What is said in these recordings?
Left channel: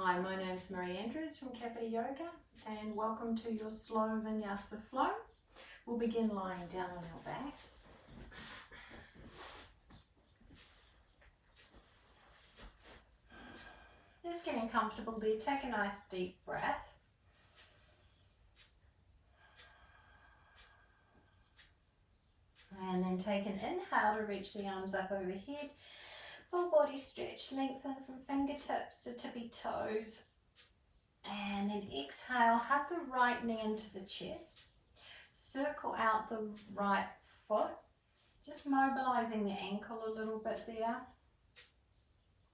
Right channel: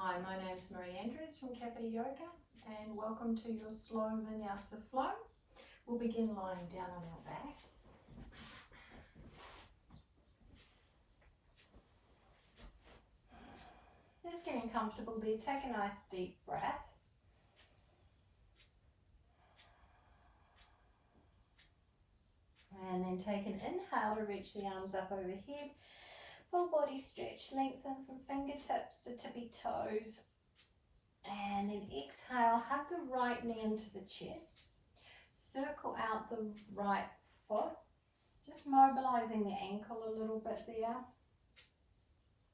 Hi, my name is Marie Andrews from Capita Yoga and welcome to your slow Vinyasa flow. We'll begin lying down on our back. Just getting comfortable there, take a nice deep breath. And then take an inhale to reach the arms up overhead. Full body stretch, lengthen from fingertips to tippy toes. And then exhale, hug the right knee into the chest. Circle out the right foot, just mobilizing the ankle a little bit there.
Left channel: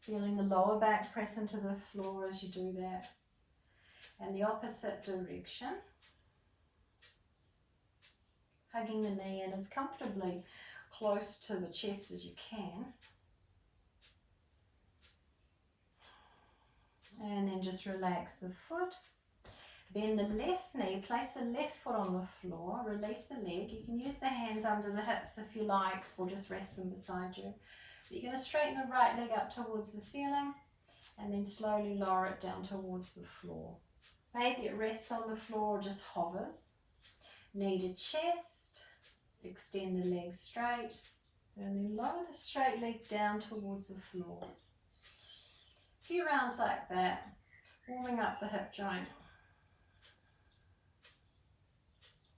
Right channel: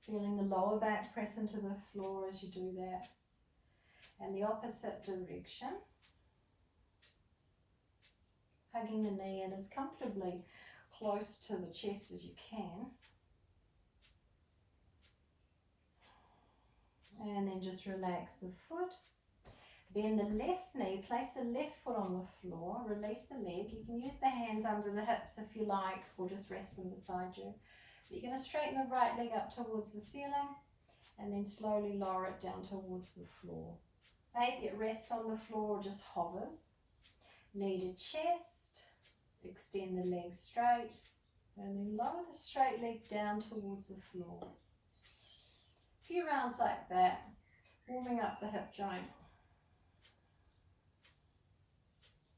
Feeling the lower back press into the floor as you do that. And the opposite direction. Hugging the knee in as comfortably close to the chest as you can. And then just relax the foot. Bend the left knee, place the left foot on the floor, release the leg. You can use the hands under the hips if you like, or just rest them beside you. But you're going to straighten the right leg up towards the ceiling and then slowly lower it down towards the floor. Maybe it rests on the floor or just hovers. Knee to chest, extend the leg straight, and then lower the straight leg down towards the floor. A few rounds like that, warming up the hip joint.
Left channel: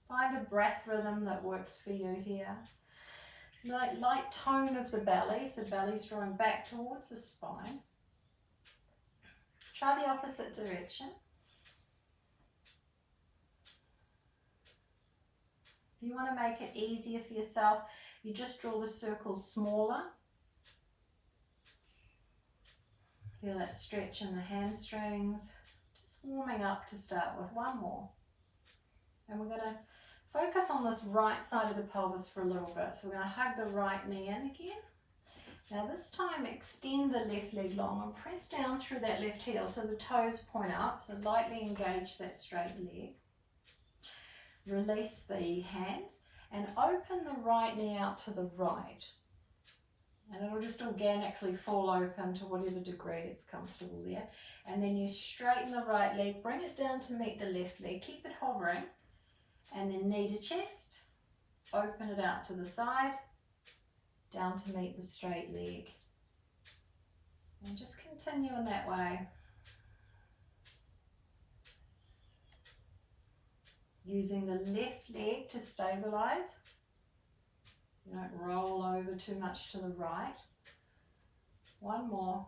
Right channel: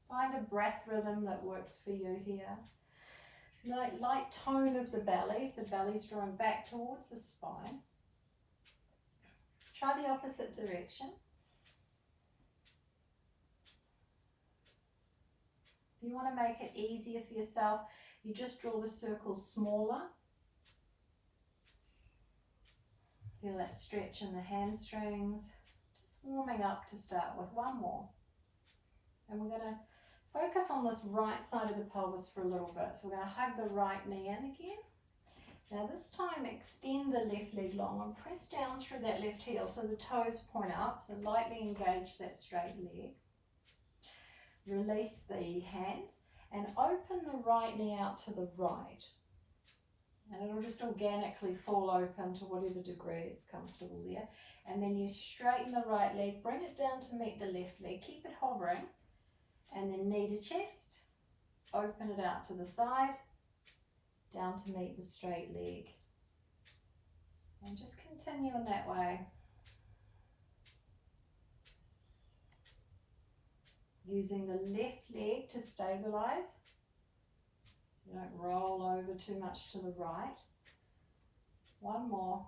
Find a breath rhythm that works for you here. Light tone of the belly, so belly's drawing back towards the spine. Try the opposite direction. If you want to make it easier for yourself, you just draw the circles smaller. Feel that stretch in the hamstrings. Just warming up to start with. One more. And we're going to focus on this right side of the pelvis for a little bit. So we're going to hug the right knee in again. Now this time extend the left leg long and press down through that left heel so the toes point up. So lightly engage that straight leg. Release the hands and open the right knee out to the right. And it'll just organically fall open to whatever degree it's comfortable there. And then you straighten the right leg, bring it down to meet the left leg, keep it hovering. And then knee to chest, open it out to the side, down to meet the straight leg. And just continue in that way. Using the left leg to stabilize. You don't roll over too much to the right. One more.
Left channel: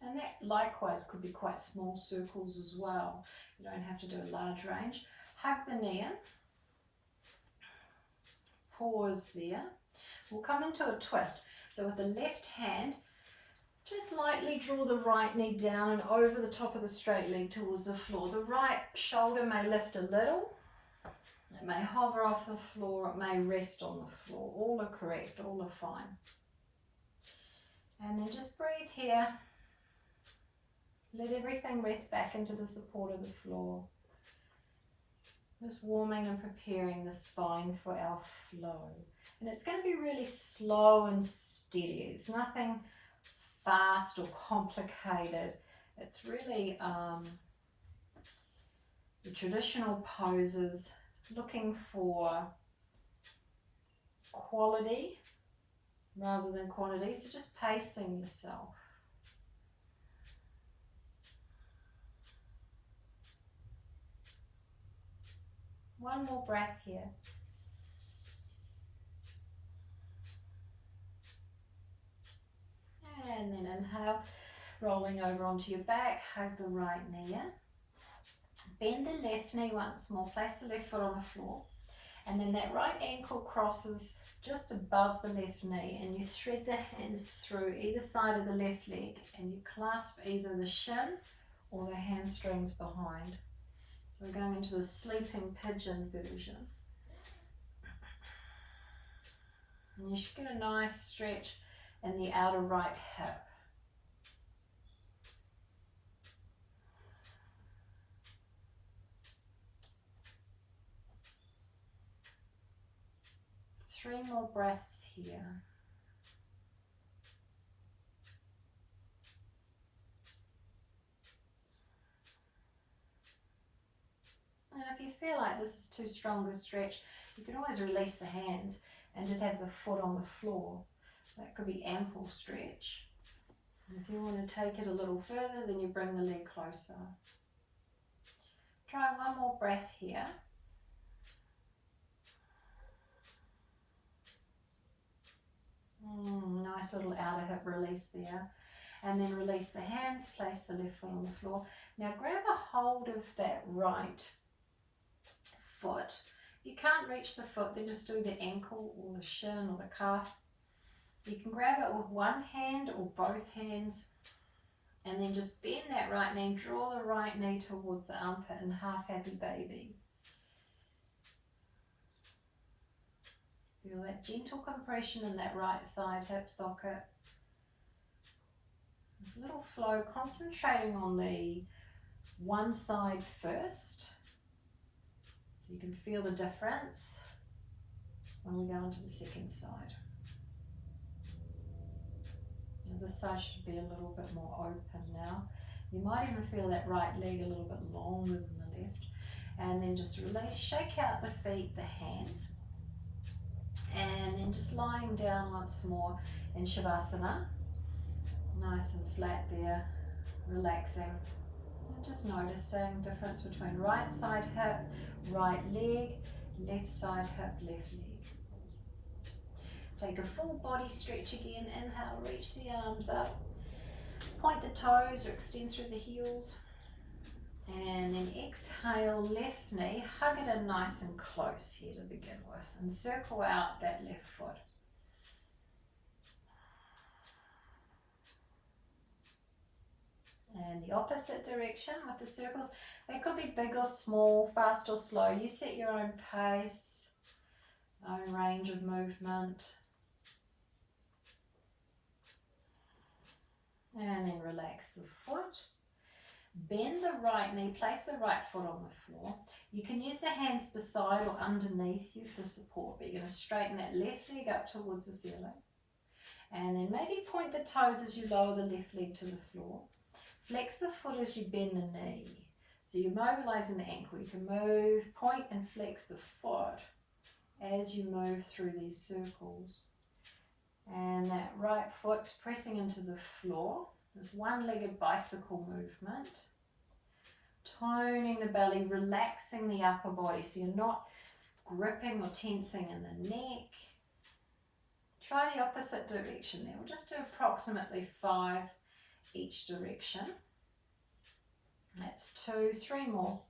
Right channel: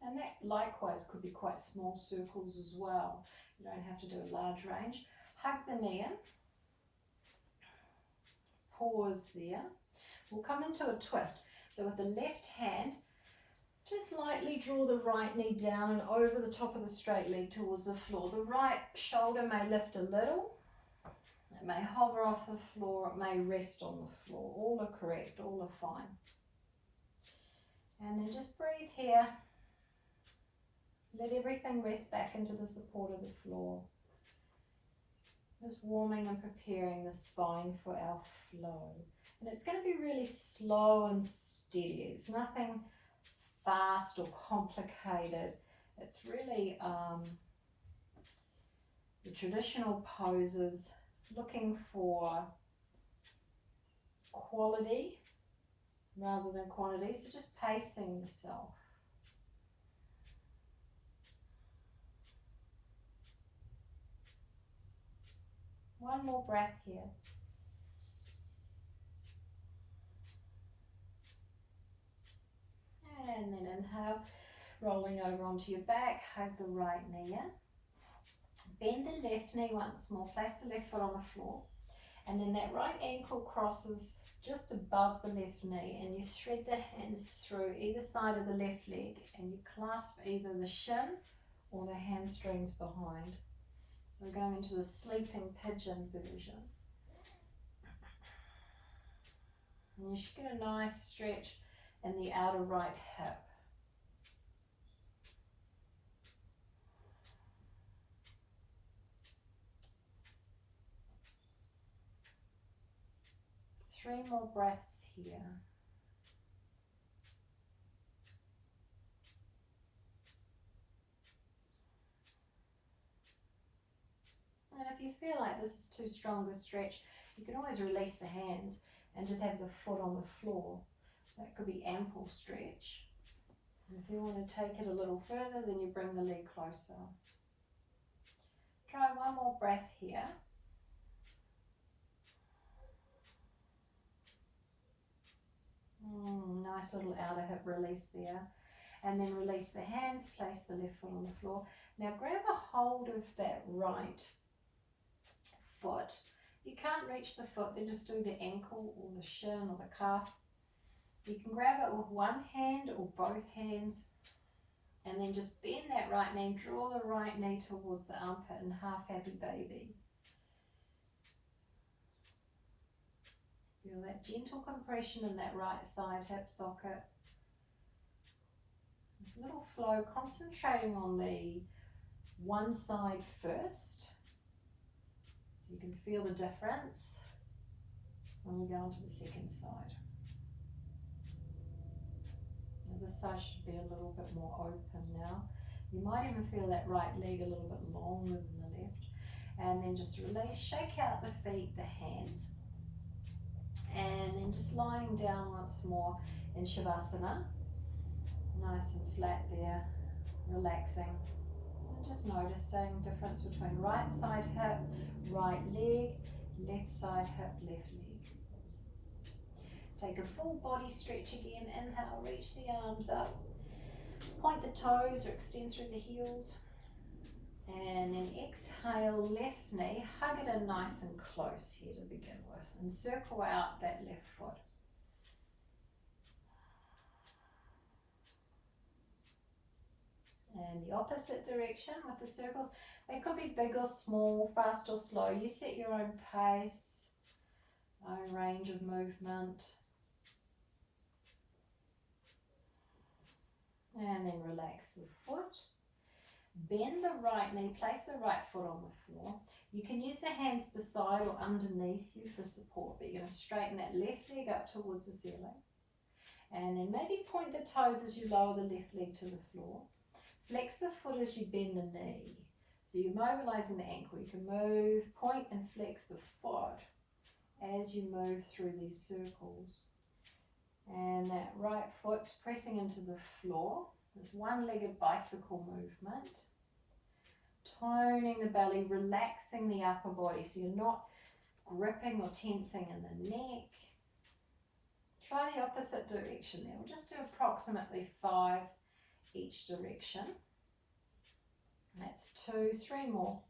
And that likewise could be quite small circles as well. You don't have to do a large range. Hug the knee in. Pause there. We'll come into a twist. So with the left hand, just lightly draw the right knee down and over the top of the straight leg towards the floor. The right shoulder may lift a little. It may hover off the floor. It may rest on the floor. All are correct. All are fine. And then just breathe here. Let everything rest back into the support of the floor. Just warming and preparing the spine for our flow. And it's going to be really slow and steady. It's nothing fast or complicated. It's really the traditional poses, looking for quality rather than quantity. So just pacing yourself. One more breath here. And then inhale, rolling over onto your back, hug the right knee in. Bend the left knee once more, place the left foot on the floor. And then that right ankle crosses just above the left knee and you thread the hands through either side of the left leg and you clasp either the shin or the hamstrings behind. So we're going into the sleeping pigeon version. And you should get a nice stretch in the outer right hip. Three more breaths here. if you feel like this is too strong a stretch, you can always release the hands and just have the foot on the floor. That could be ample stretch. And if you want to take it a little further, then you bring the leg closer. Try one more breath here. Nice little outer hip release there. And then release the hands, place the left foot on the floor. Now grab a hold of that right foot. If you can't reach the foot, then just do the ankle or the shin or the calf. You can grab it with one hand or both hands, and then just bend that right knee, draw the right knee towards the armpit in half happy baby. Feel that gentle compression in that right side hip socket. This little flow, concentrating on the one side first, so you can feel the difference when we go into the second side. Now this side should be a little bit more open now. You might even feel that right leg a little bit longer than the left. And then just release, shake out the feet, the hands. And then just lying down once more in Shavasana. Nice and flat there, relaxing. And just noticing the difference between right side hip, right leg, left side hip, left leg. Take a full body stretch again. Inhale, reach the arms up. Point the toes or extend through the heels. And then exhale, left knee, hug it in nice and close here to begin with. And circle out that left foot. And the opposite direction with the circles. They could be big or small, fast or slow. You set your own pace, own range of movement. And then relax the foot. Bend the right knee, place the right foot on the floor. You can use the hands beside or underneath you for support, but you're going to straighten that left leg up towards the ceiling. And then maybe point the toes as you lower the left leg to the floor. Flex the foot as you bend the knee. So you're mobilizing the ankle. You can move, point and flex the foot as you move through these circles. And that right foot's pressing into the floor. This one-legged bicycle movement. Toning the belly, relaxing the upper body so you're not gripping or tensing in the neck. Try the opposite direction there. We'll just do approximately 5 each direction. That's 2, 3 more.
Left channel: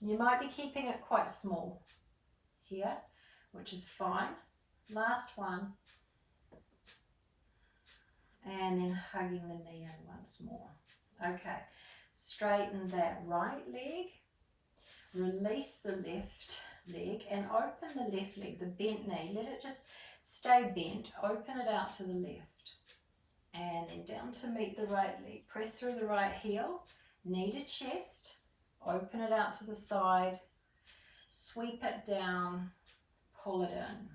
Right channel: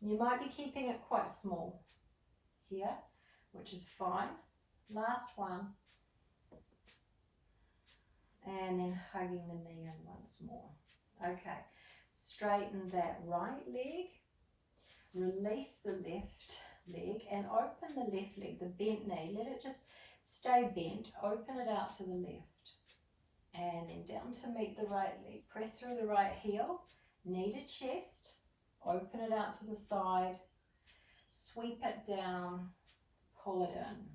You might be keeping it quite small here, which is fine. Last one. And then hugging the knee in once more. Okay, straighten that right leg, release the left leg and open the left leg, the bent knee. Let it just stay bent, open it out to the left. And then down to meet the right leg. Press through the right heel, knee to chest, open it out to the side, sweep it down, pull it in.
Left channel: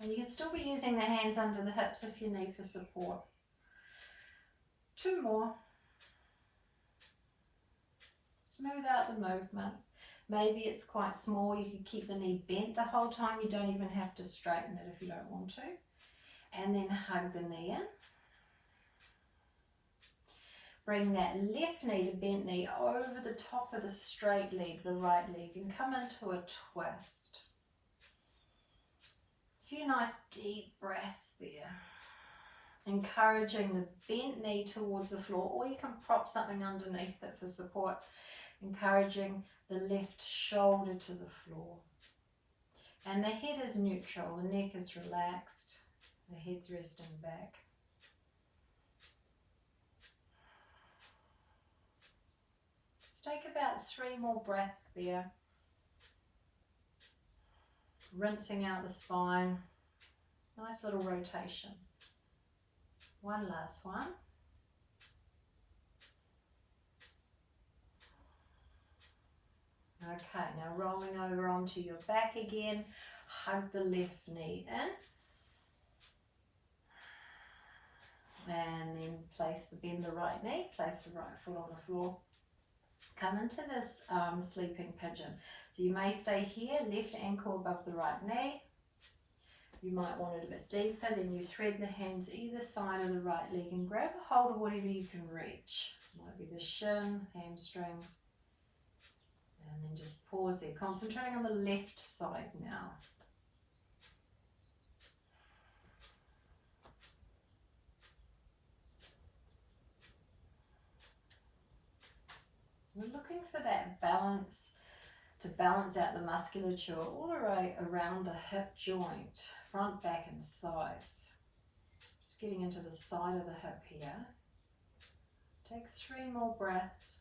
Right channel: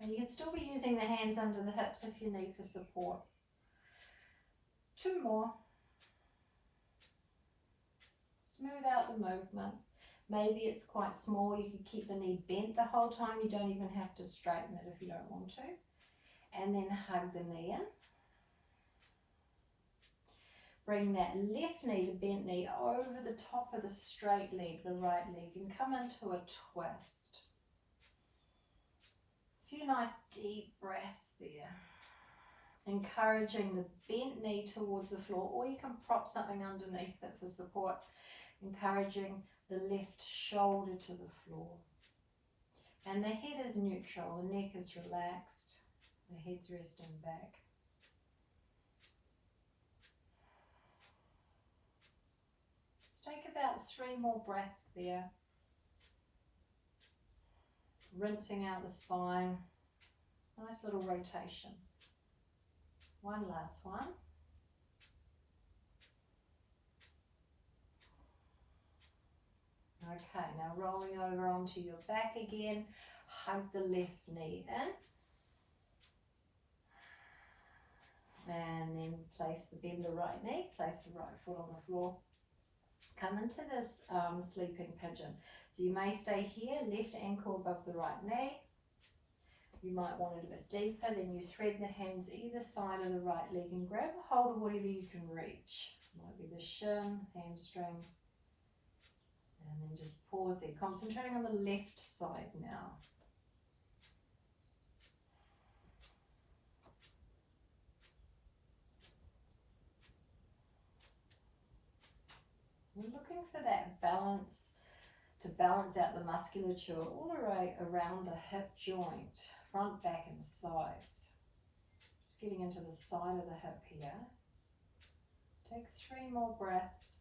And you can still be using the hands under the hips if you need for support. 2 more. Smooth out the movement. Maybe it's quite small. You could keep the knee bent the whole time. You don't even have to straighten it if you don't want to. And then hug the knee in. Bring that left knee, the bent knee, over the top of the straight leg, the right leg, and come into a twist. A few nice deep breaths there. Encouraging the bent knee towards the floor, or you can prop something underneath it for support. Encouraging the left shoulder to the floor. And the head is neutral, the neck is relaxed, the head's resting back. Let's take about 3 more breaths there. Rinsing out the spine. Nice little rotation. One last one. Okay, now rolling over onto your back again. Hug the left knee in. And then bend the right knee, place the right foot on the floor. Come into this sleeping pigeon. So you may stay here, left ankle above the right knee. You might want it a bit deeper, then you thread the hands either side of the right leg and grab a hold of whatever you can reach. Might be the shin, hamstrings. And then just pause there, concentrating on the left side now. We're looking for that balance, to balance out the musculature all the way around the hip joint, front, back and sides. Just getting into the side of the hip here. Take 3 more breaths.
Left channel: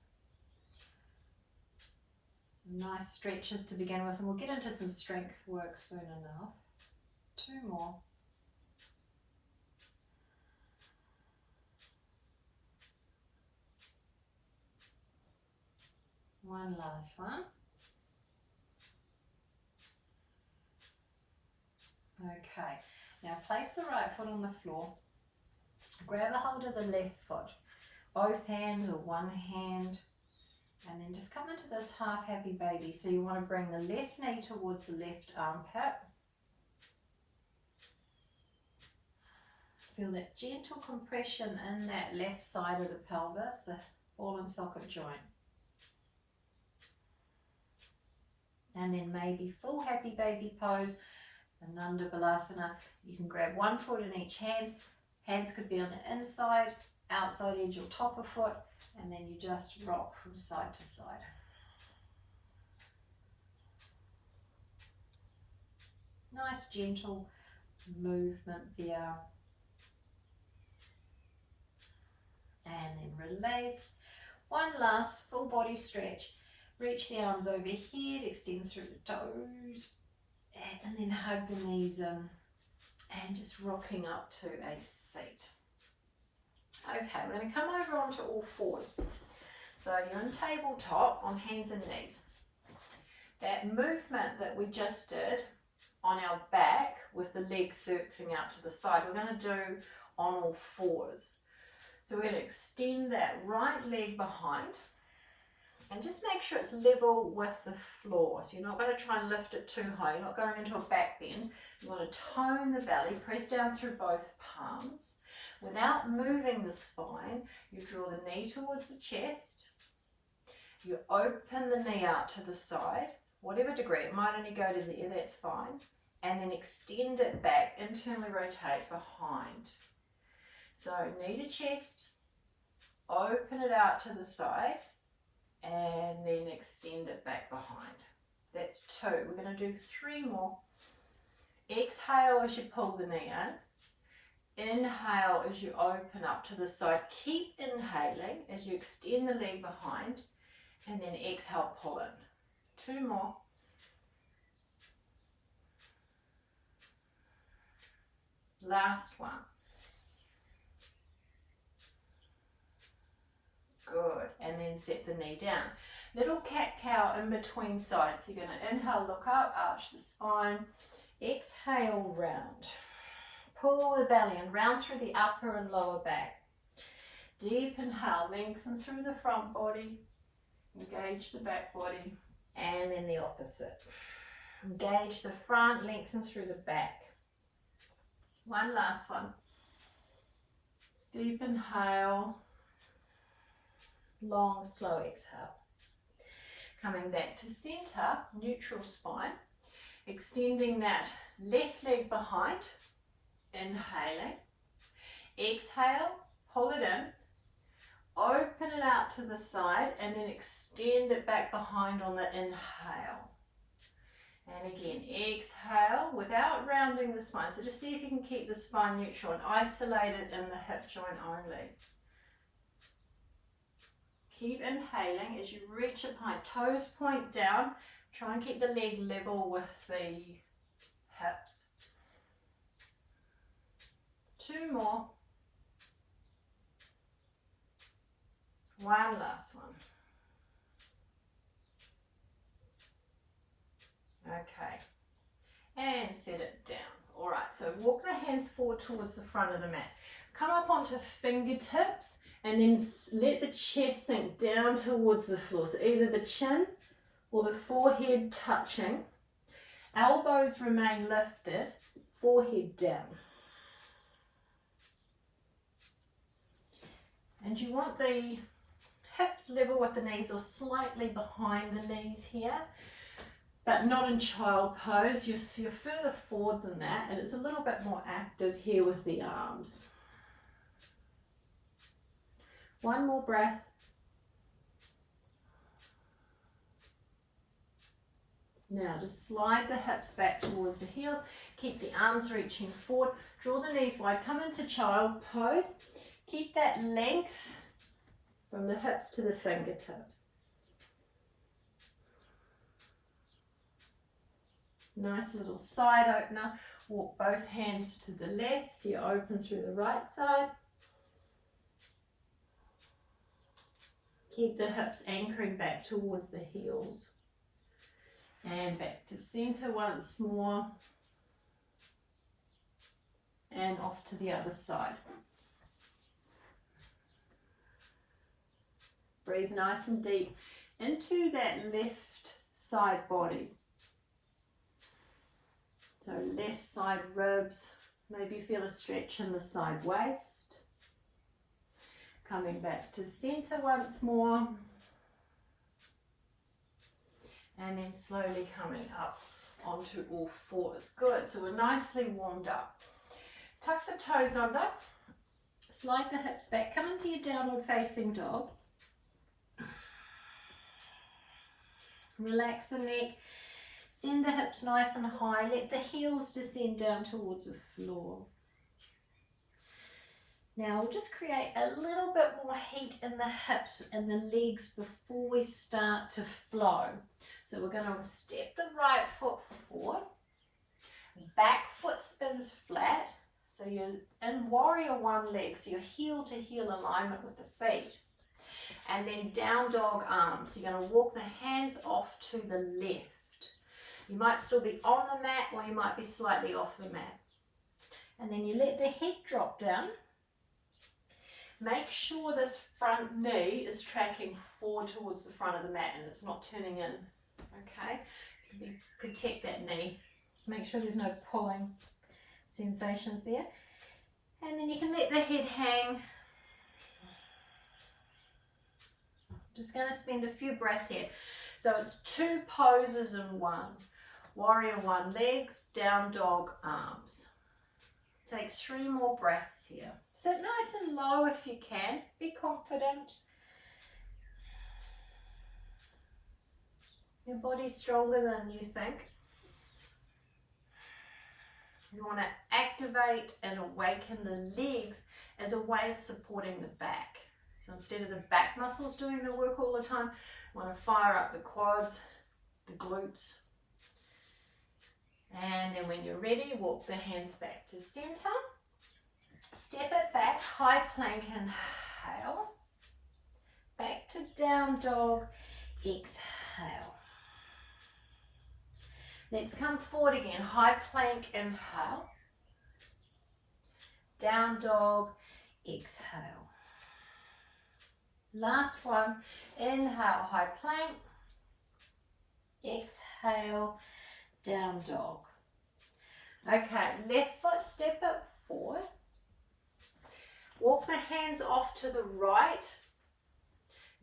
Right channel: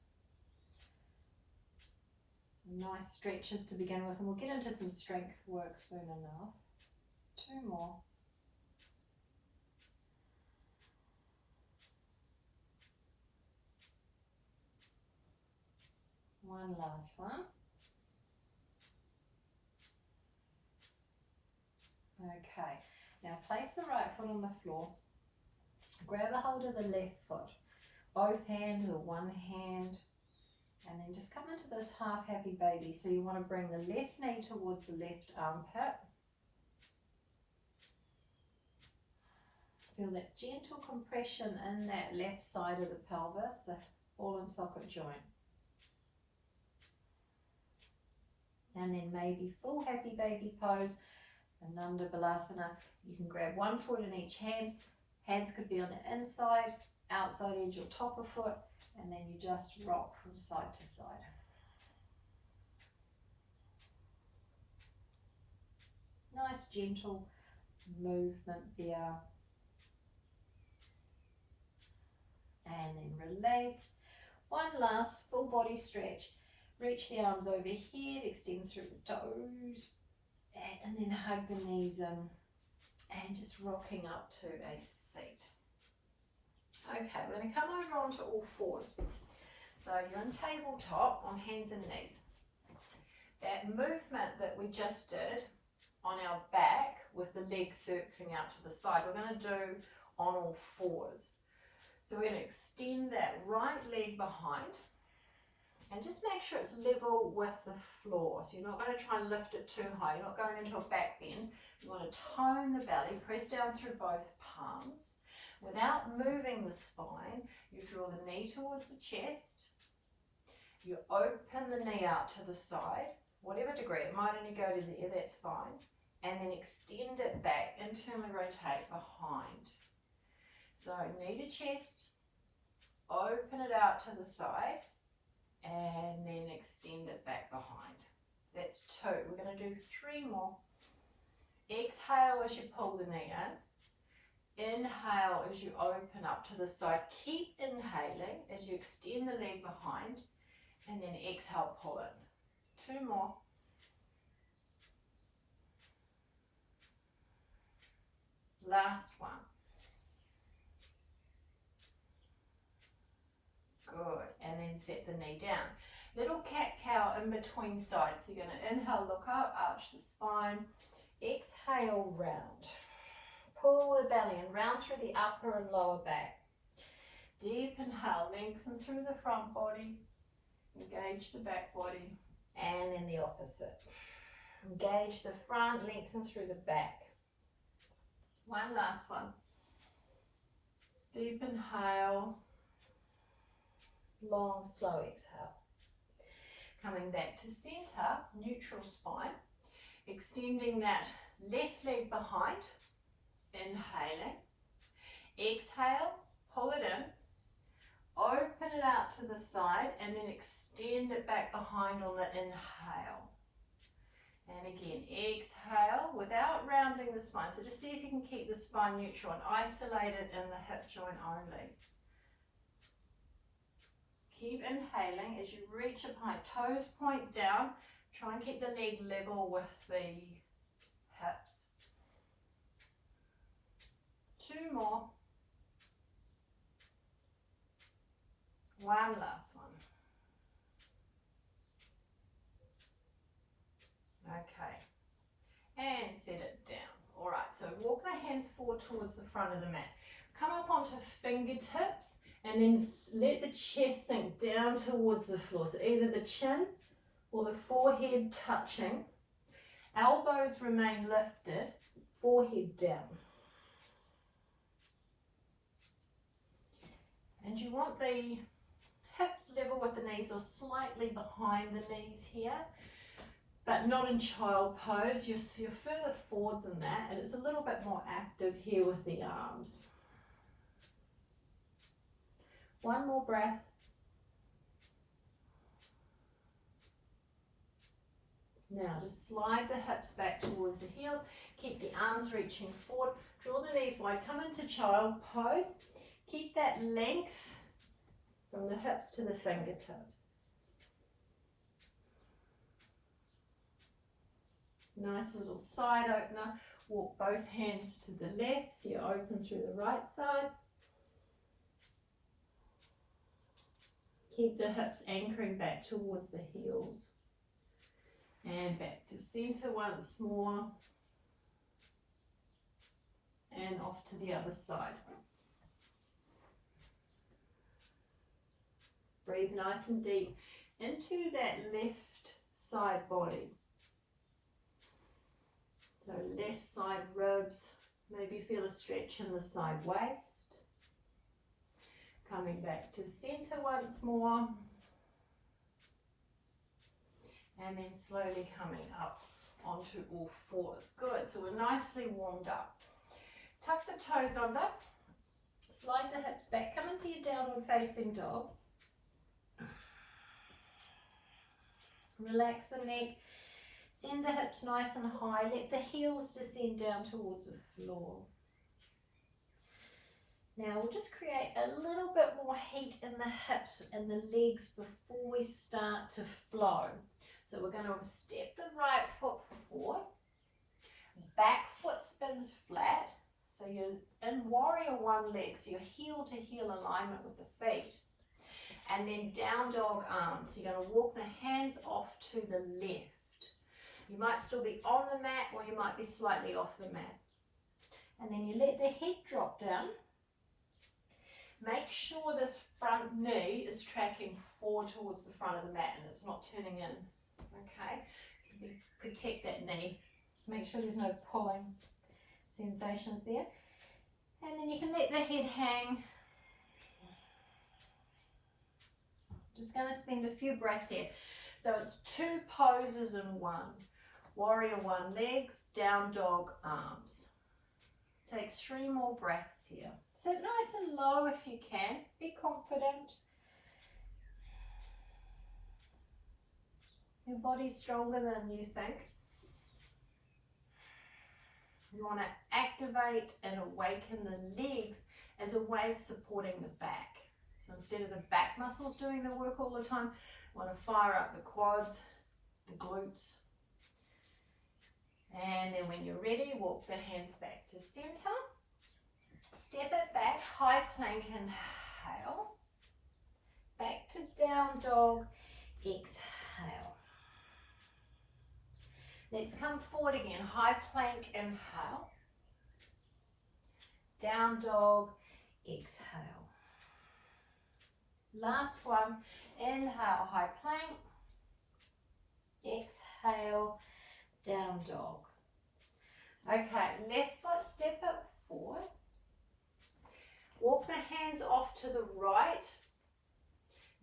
Some nice stretches to begin with, and we'll get into some strength work soon enough. 2 more. One last one. Okay, now place the right foot on the floor. Grab a hold of the left foot, both hands or one hand, and then just come into this half happy baby. So you want to bring the left knee towards the left armpit. Feel that gentle compression in that left side of the pelvis, the ball and socket joint. And then maybe full happy baby pose, Ananda Balasana. You can grab one foot in each hand. Hands could be on the inside, outside edge or top of foot, and then you just rock from side to side. Nice gentle movement there. And then release. One last full body stretch. Reach the arms overhead, extend through the toes, and then hug the knees in and just rocking up to a seat. Okay, we're going to come over onto all fours. So you're in tabletop on hands and knees. That movement that we just did on our back with the legs circling out to the side, we're going to do on all fours. So we're going to extend that right leg behind. And just make sure it's level with the floor. So you're not going to try and lift it too high. You're not going into a back bend. You want to tone the belly, press down through both palms. Without moving the spine, you draw the knee towards the chest. You open the knee out to the side, whatever degree. It might only go to there, that's fine. And then extend it back, internally rotate behind. So knee to chest, open it out to the side, and then extend it back behind. That's 2. We're going to do 3 more. Exhale as you pull the knee in. Inhale as you open up to the side. Keep inhaling as you extend the leg behind, and then exhale, pull in. 2 more. Last one. Good, and then set the knee down. Little cat-cow in between sides. So you're going to inhale, look up, arch the spine. Exhale, round. Pull the belly and round through the upper and lower back. Deep inhale, lengthen through the front body. Engage the back body. And then the opposite. Engage the front, lengthen through the back. One last one. Deep inhale. Long, slow exhale. Coming back to center, neutral spine. Extending that left leg behind. Inhaling. Exhale, pull it in. Open it out to the side and then extend it back behind on the inhale. And again, exhale without rounding the spine. So just see if you can keep the spine neutral and isolate it in the hip joint only. Keep inhaling as you reach up high, toes point down. Try and keep the leg level with the hips. 2 more. One last one. Okay. And set it down. All right, so walk the hands forward towards the front of the mat. Come up onto fingertips And then let the chest sink down towards the floor. So either the chin or the forehead touching. Elbows remain lifted, forehead down. And you want the hips level with the knees or slightly behind the knees here, but not in child pose. You're further forward than that, and it's a little bit more active here with the arms. One more breath. Now just slide the hips back towards the heels. Keep the arms reaching forward. Draw the knees wide. Come into child pose. Keep that length from the hips to the fingertips. Nice little side opener. Walk both hands to the left so you open through the right side. Keep the hips anchoring back towards the heels. And back to center once more. And off to the other side. Breathe nice and deep into that left side body. So left side ribs, maybe feel a stretch in the side waist. Coming back to center once more. And then slowly coming up onto all fours. Good, so we're nicely warmed up. Tuck the toes under, slide the hips back, come into your downward facing dog. Relax the neck, send the hips nice and high, let the heels descend down towards the floor. Now we'll just create a little bit more heat in the hips and the legs before we start to flow. So we're going to step the right foot forward, back foot spins flat, so you're in warrior one leg, so you're heel to heel alignment with the feet. And then down dog arms, so you're going to walk the hands off to the left. You might still be on the mat or you might be slightly off the mat. And then you let the head drop down. Make sure this front knee is tracking forward towards the front of the mat and it's not turning in. Okay, protect that knee. Make sure there's no pulling sensations there. And then you can let the head hang. Just going to spend a few breaths here. So it's two poses in one. Warrior one legs, down dog arms. Take 3 more breaths here. Sit nice and low if you can. Be confident. Your body's stronger than you think. You want to activate and awaken the legs as a way of supporting the back. So instead of the back muscles doing the work all the time, you want to fire up the quads, the glutes. And then when you're ready, walk the hands back to center. Step it back, high plank, inhale. Back to down dog, exhale. Let's come forward again, high plank, inhale. Down dog, exhale. Last one, inhale, high plank. Exhale, down dog. Okay, left foot, step it forward. Walk the hands off to the right.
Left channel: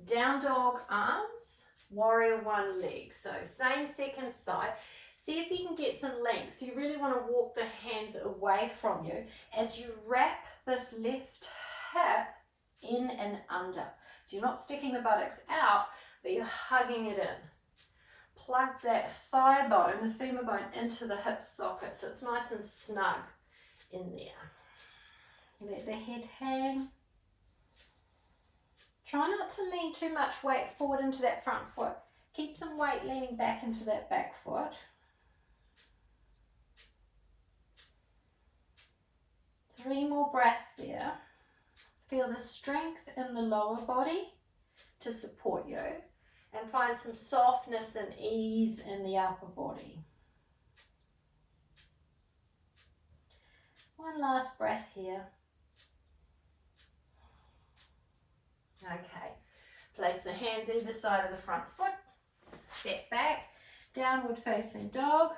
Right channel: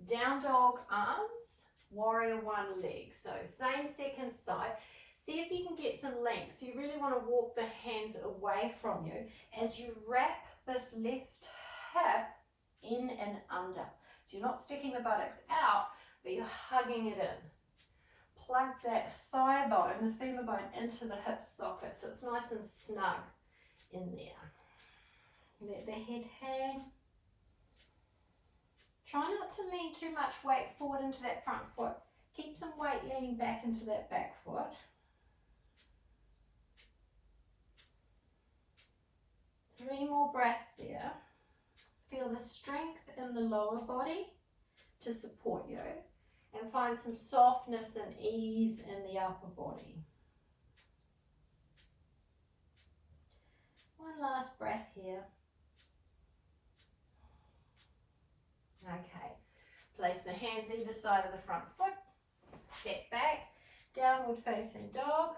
Down dog arms, warrior one leg. So same second side. See if you can get some length. So you really want to walk the hands away from you as you wrap this left hip in and under. So you're not sticking the buttocks out, but you're hugging it in. Plug that thigh bone, the femur bone, into the hip socket so it's nice and snug in there. Let the head hang. Try not to lean too much weight forward into that front foot. Keep some weight leaning back into that back foot. Three more breaths there. Feel the strength in the lower body to support you and find some softness and ease in the upper body. One last breath here. Okay, place the hands either side of the front foot, step back, downward facing dog,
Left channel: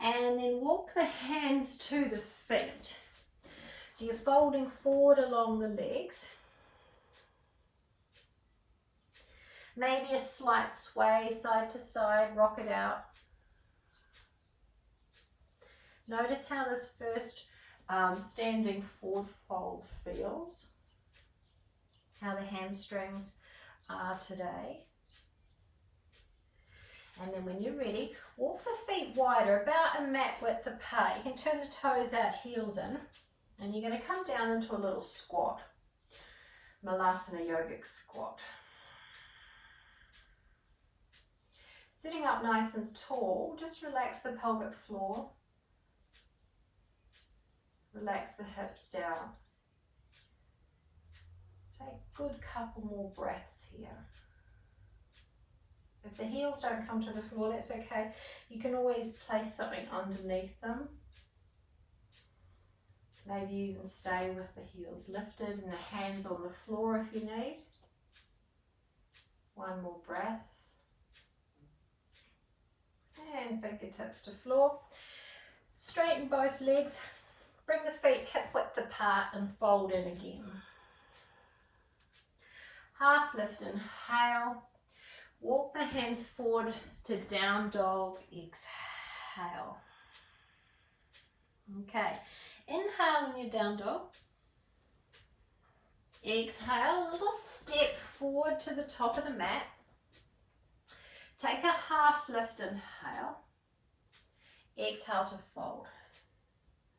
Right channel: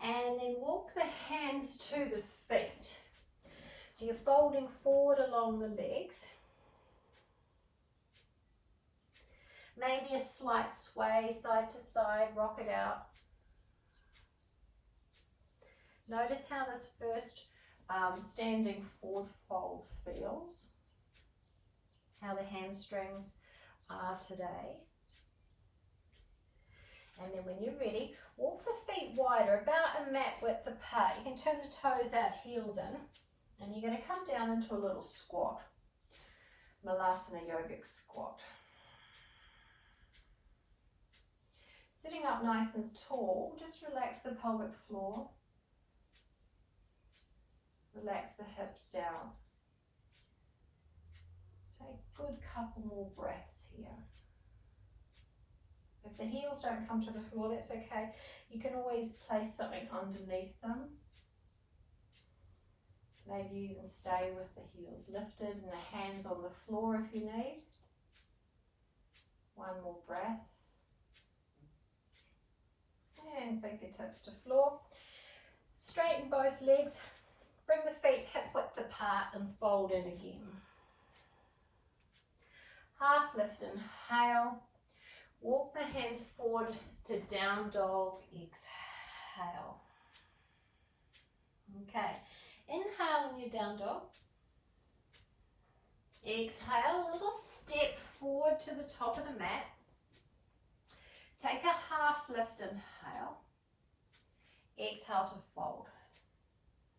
and then walk the hands to the feet. So you're folding forward along the legs. Maybe a slight sway side to side, rock it out. Notice how this first standing forward fold feels, how the hamstrings are today. And then when you're ready, walk the feet wider, about a mat width apart. You can turn the toes out, heels in, and you're going to come down into a little squat, Malasana yogic squat. Sitting up nice and tall, just relax the pelvic floor. Relax the hips down. Take a good couple more breaths here. If the heels don't come to the floor, that's okay. You can always place something underneath them. Maybe you can stay with the heels lifted and the hands on the floor if you need. One more breath. And fingertips to floor. Straighten both legs. Bring the feet hip width apart and fold in again. Half lift, inhale. Walk the hands forward to down dog, exhale. Okay, inhale in your down dog. Exhale, a little step forward to the top of the mat. Take a half lift, inhale. Exhale to fold.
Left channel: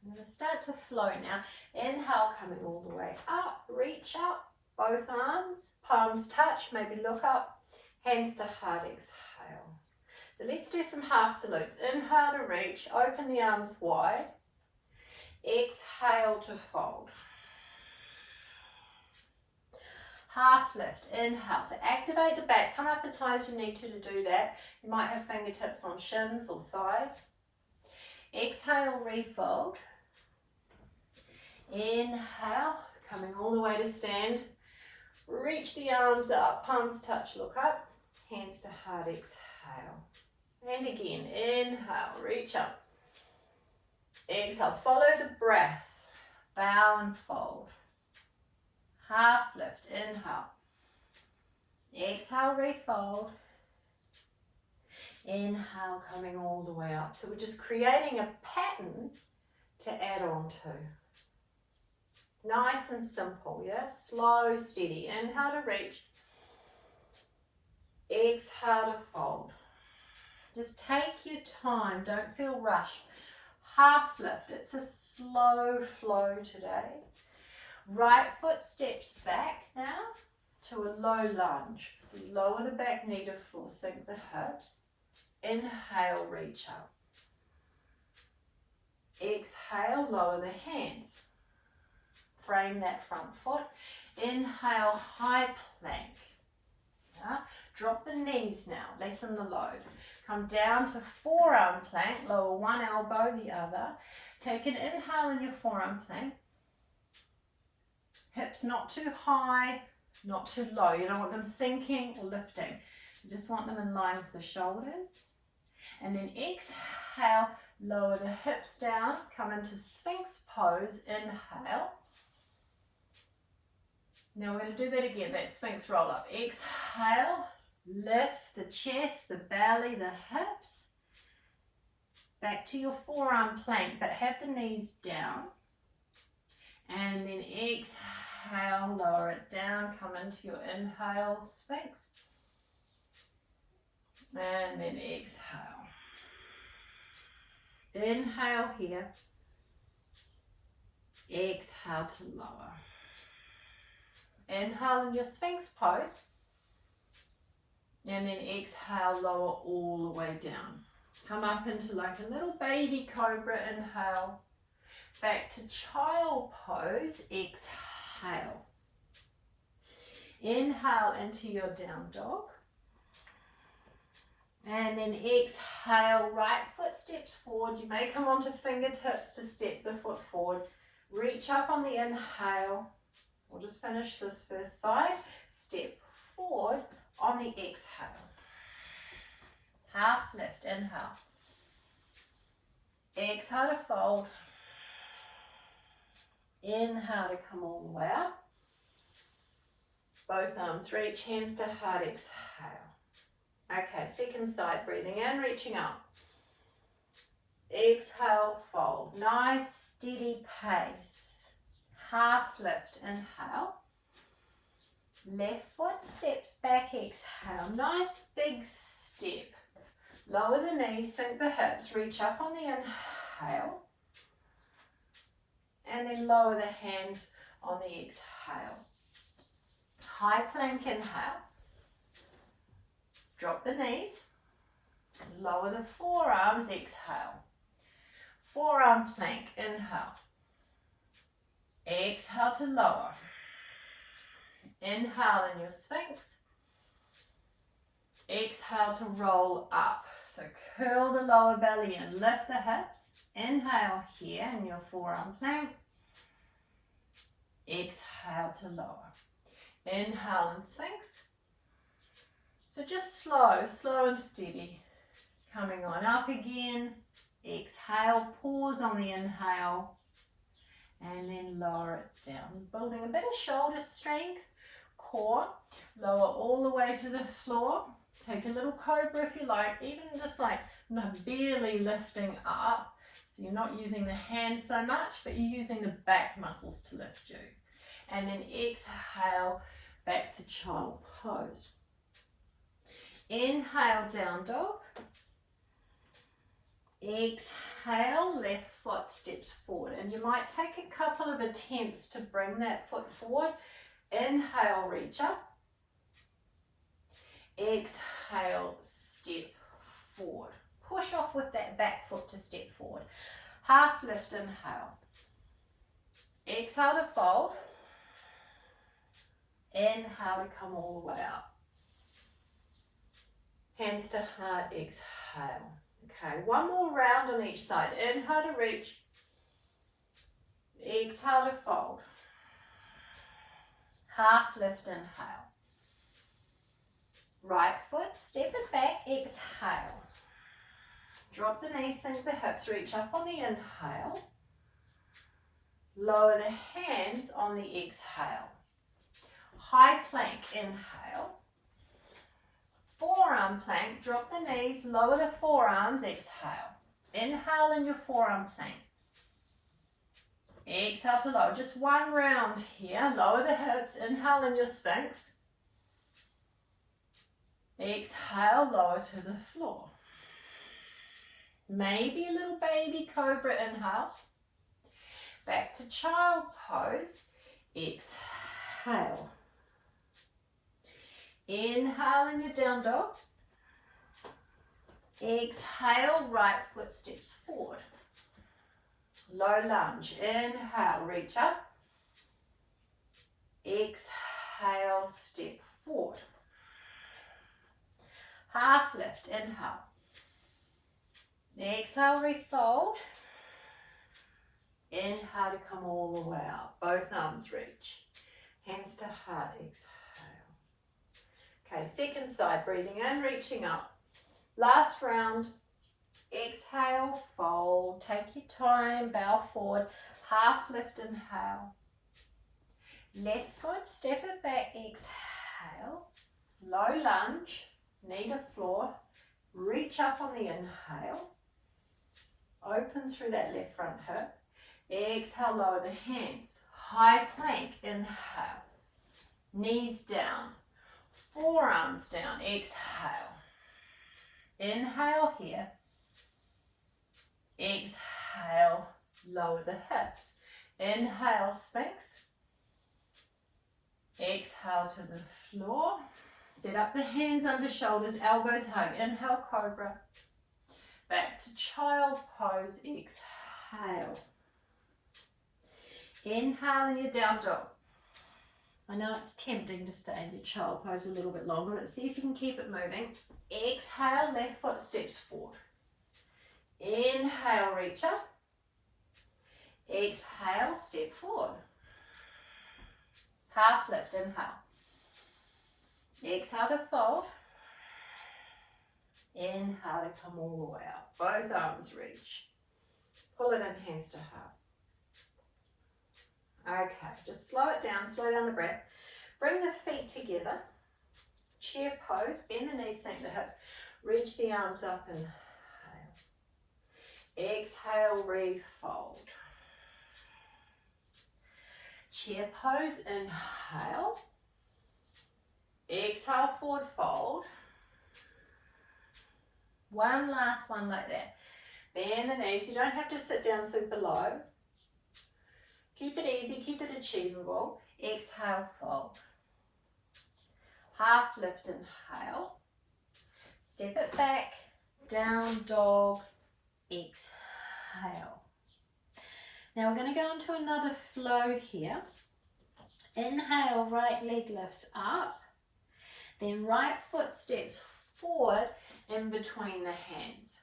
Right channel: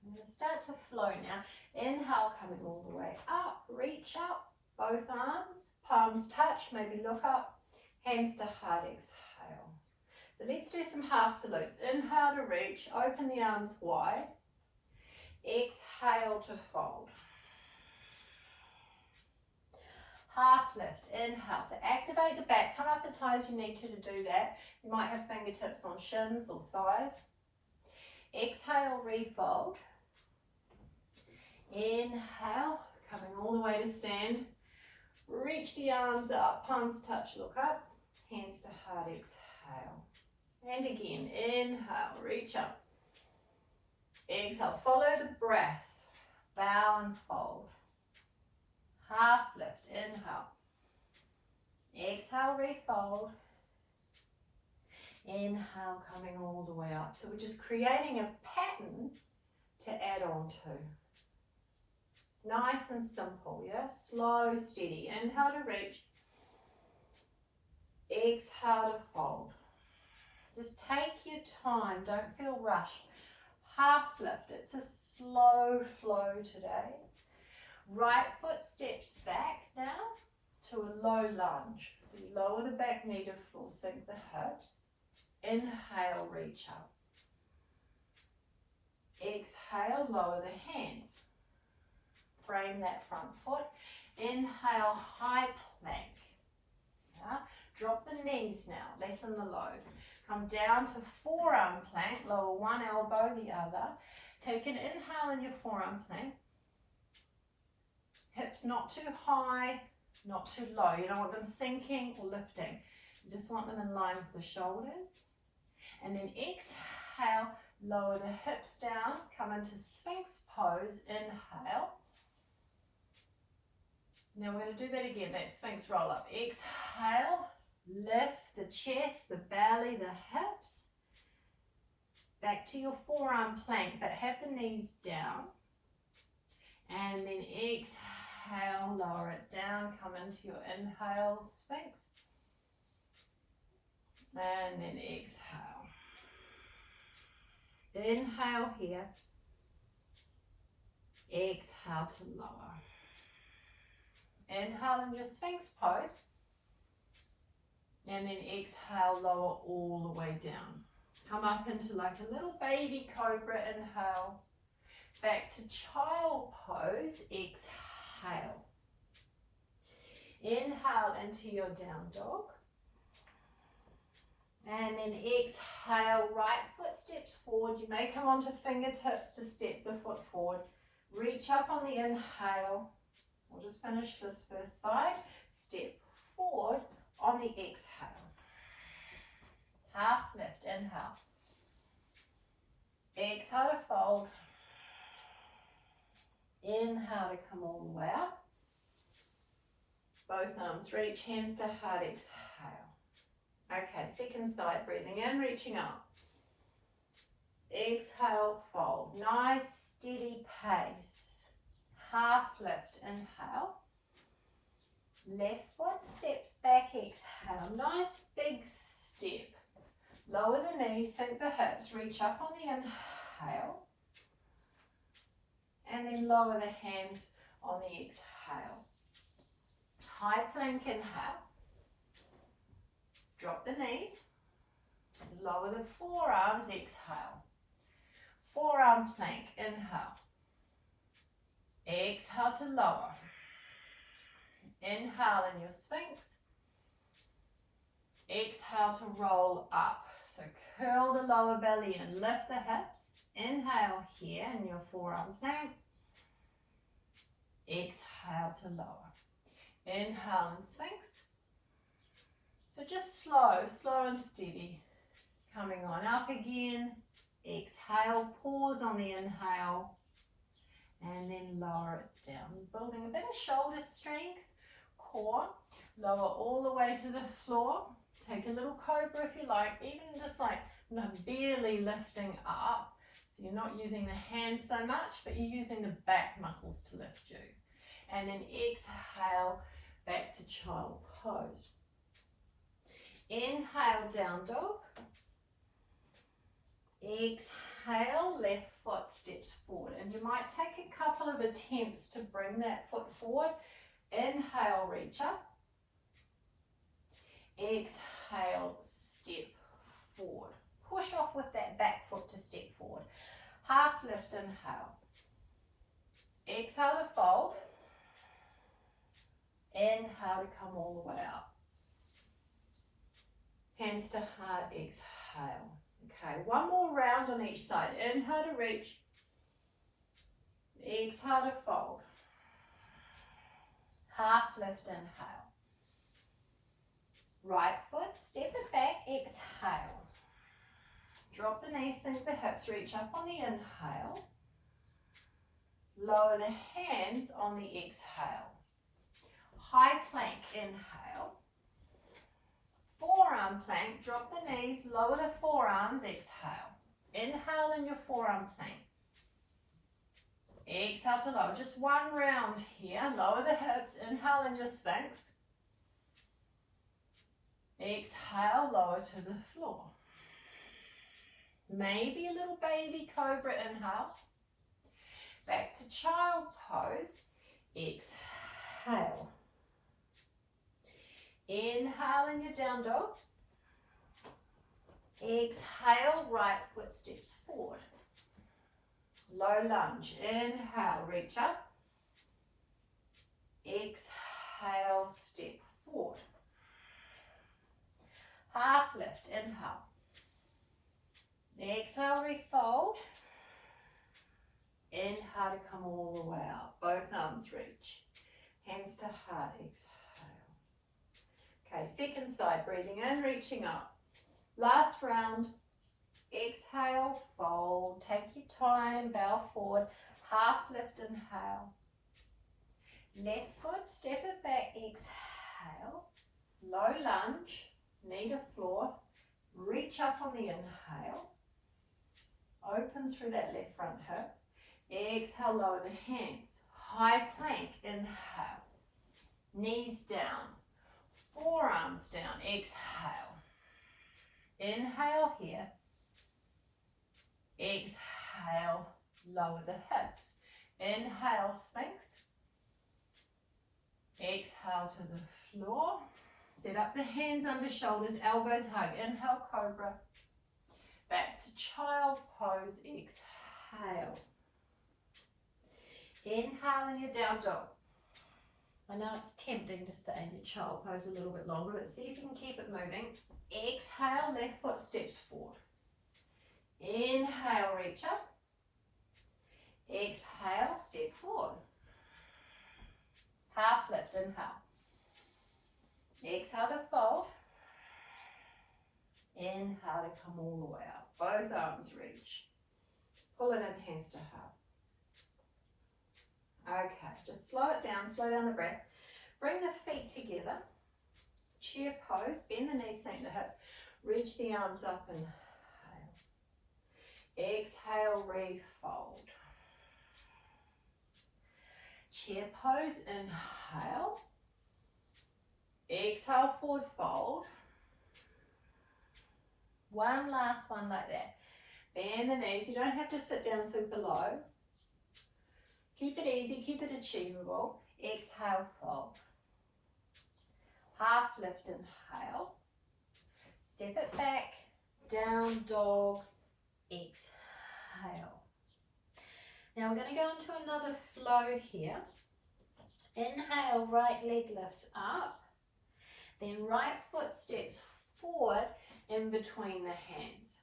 I'm going to start to flow now. Inhale, coming all the way up, reach up, both arms, palms touch, maybe look up, hands to heart, exhale. So let's do some half salutes. Inhale to reach, open the arms wide. Exhale to fold. Half lift, inhale. So activate the back, come up as high as you need to do that. You might have fingertips on shins or thighs. Exhale, refold. Inhale, coming all the way to stand. Reach the arms up, palms touch, look up. Hands to heart, exhale. And again, inhale, reach up. Exhale, follow the breath. Bow and fold. Half lift, inhale. Exhale, refold. Inhale, coming all the way up. So we're just creating a pattern to add on to. Nice and simple, yeah? Slow, steady. Inhale to reach. Exhale to fold. Just take your time, don't feel rushed. Half lift, it's a slow flow today. Right foot steps back now to a low lunge. So you lower the back knee to floor, sink the hips. Inhale, reach up. Exhale, lower the hands. Frame that front foot. Inhale, high plank. Yeah. Drop the knees now, lessen the load. Come down to forearm plank, lower one elbow, the other. Take an inhale in your forearm plank. Hips not too high, not too low. You don't want them sinking or lifting. You just want them in line with the shoulders. And then exhale, lower the hips down, come into Sphinx pose, inhale. Now we're going to do that again, that Sphinx roll up. Exhale, lift the chest, the belly, the hips. Back to your forearm plank, but have the knees down. And then exhale, lower it down, come into your inhale, Sphinx. And then exhale. Inhale here. Exhale to lower. Inhale in your Sphinx pose. And then exhale, lower all the way down. Come up into like a little baby cobra, inhale. Back to child pose, exhale. Inhale into your down dog. And then exhale, right foot steps forward. You may come onto fingertips to step the foot forward. Reach up on the inhale. We'll just finish this first side. Step forward on the exhale. Half lift, inhale. Exhale to fold. Inhale to come all the way up. Both arms reach, hands to heart, exhale. Okay, second side, breathing in, reaching up. Exhale, fold. Nice, steady pace. Half lift, inhale. Left foot steps back, exhale. Nice big step. Lower the knees, sink the hips, reach up on the inhale. And then lower the hands on the exhale. High plank, inhale. Drop the knees. Lower the forearms, exhale. Forearm plank, inhale. Exhale to lower. Inhale in your Sphinx. Exhale to roll up. So curl the lower belly and lift the hips. Inhale here in your forearm plank. Exhale to lower. Inhale in Sphinx. So just slow and steady. Coming on up again. Exhale, pause on the inhale. And then lower it down. Building a bit of shoulder strength. Core. Lower all the way to the floor. Take a little cobra if you like. Even just like barely lifting up. So you're not using the hands so much, but you're using the back muscles to lift you. And then exhale back to child pose. Inhale, down dog. Exhale, left foot steps forward. And you might take a couple of attempts to bring that foot forward. Inhale, reach up. Exhale, step forward. Push off with that back foot to step forward. Half lift, inhale. Exhale to fold. Inhale to come all the way up. Hands to heart, exhale. Okay, one more round on each side. Inhale to reach. Exhale to fold. Half lift, inhale. Right foot, step it back, exhale. Drop the knees, sink the hips, reach up on the inhale. Lower the hands on the exhale. High plank, inhale. Forearm plank, drop the knees, lower the forearms, exhale. Inhale in your forearm plank. Exhale to lower. Just one round here. Lower the hips, inhale in your Sphinx. Exhale, lower to the floor. Maybe a little baby cobra, inhale. Back to child pose. Exhale. Inhale in your down dog. Exhale, right foot steps forward. Low lunge. Inhale, reach up. Exhale, step forward. Half lift, inhale. Exhale, refold. Inhale to come all the way up. Both arms reach. Hands to heart, exhale. Okay, second side, breathing in, reaching up. Last round. Exhale, fold. Take your time, bow forward. Half lift, inhale. Left foot, step it back, exhale. Low lunge. Knee to floor, reach up on the inhale, open through that left front hip, exhale, lower the hands, high plank, inhale, knees down, forearms down, exhale, inhale here, exhale, lower the hips, inhale, Sphinx, exhale to the floor. Set up the hands under shoulders, elbows home. Inhale, cobra. Back to child pose. Exhale. Inhale in your down dog. I know it's tempting to stay in your child pose a little bit longer. Let's see if you can keep it moving. Exhale, left foot steps forward. Inhale, reach up. Exhale, step forward. Half lift, inhale. Exhale to fold. Inhale to come all the way up. Both arms reach. Pull it in, hands to heart. Okay, just slow it down, slow down the breath. Bring the feet together. Chair pose, bend the knees, sink the hips. Reach the arms up, inhale. Exhale, refold. Chair pose, inhale. Exhale, forward fold. One last one like that. Bend the knees. You don't have to sit down super low. Keep it easy, keep it achievable. Exhale, fold. Half lift, inhale. Step it back, down dog, exhale. Now we're going to go into another flow here. Inhale, right leg lifts up. Then right foot steps forward in between the hands.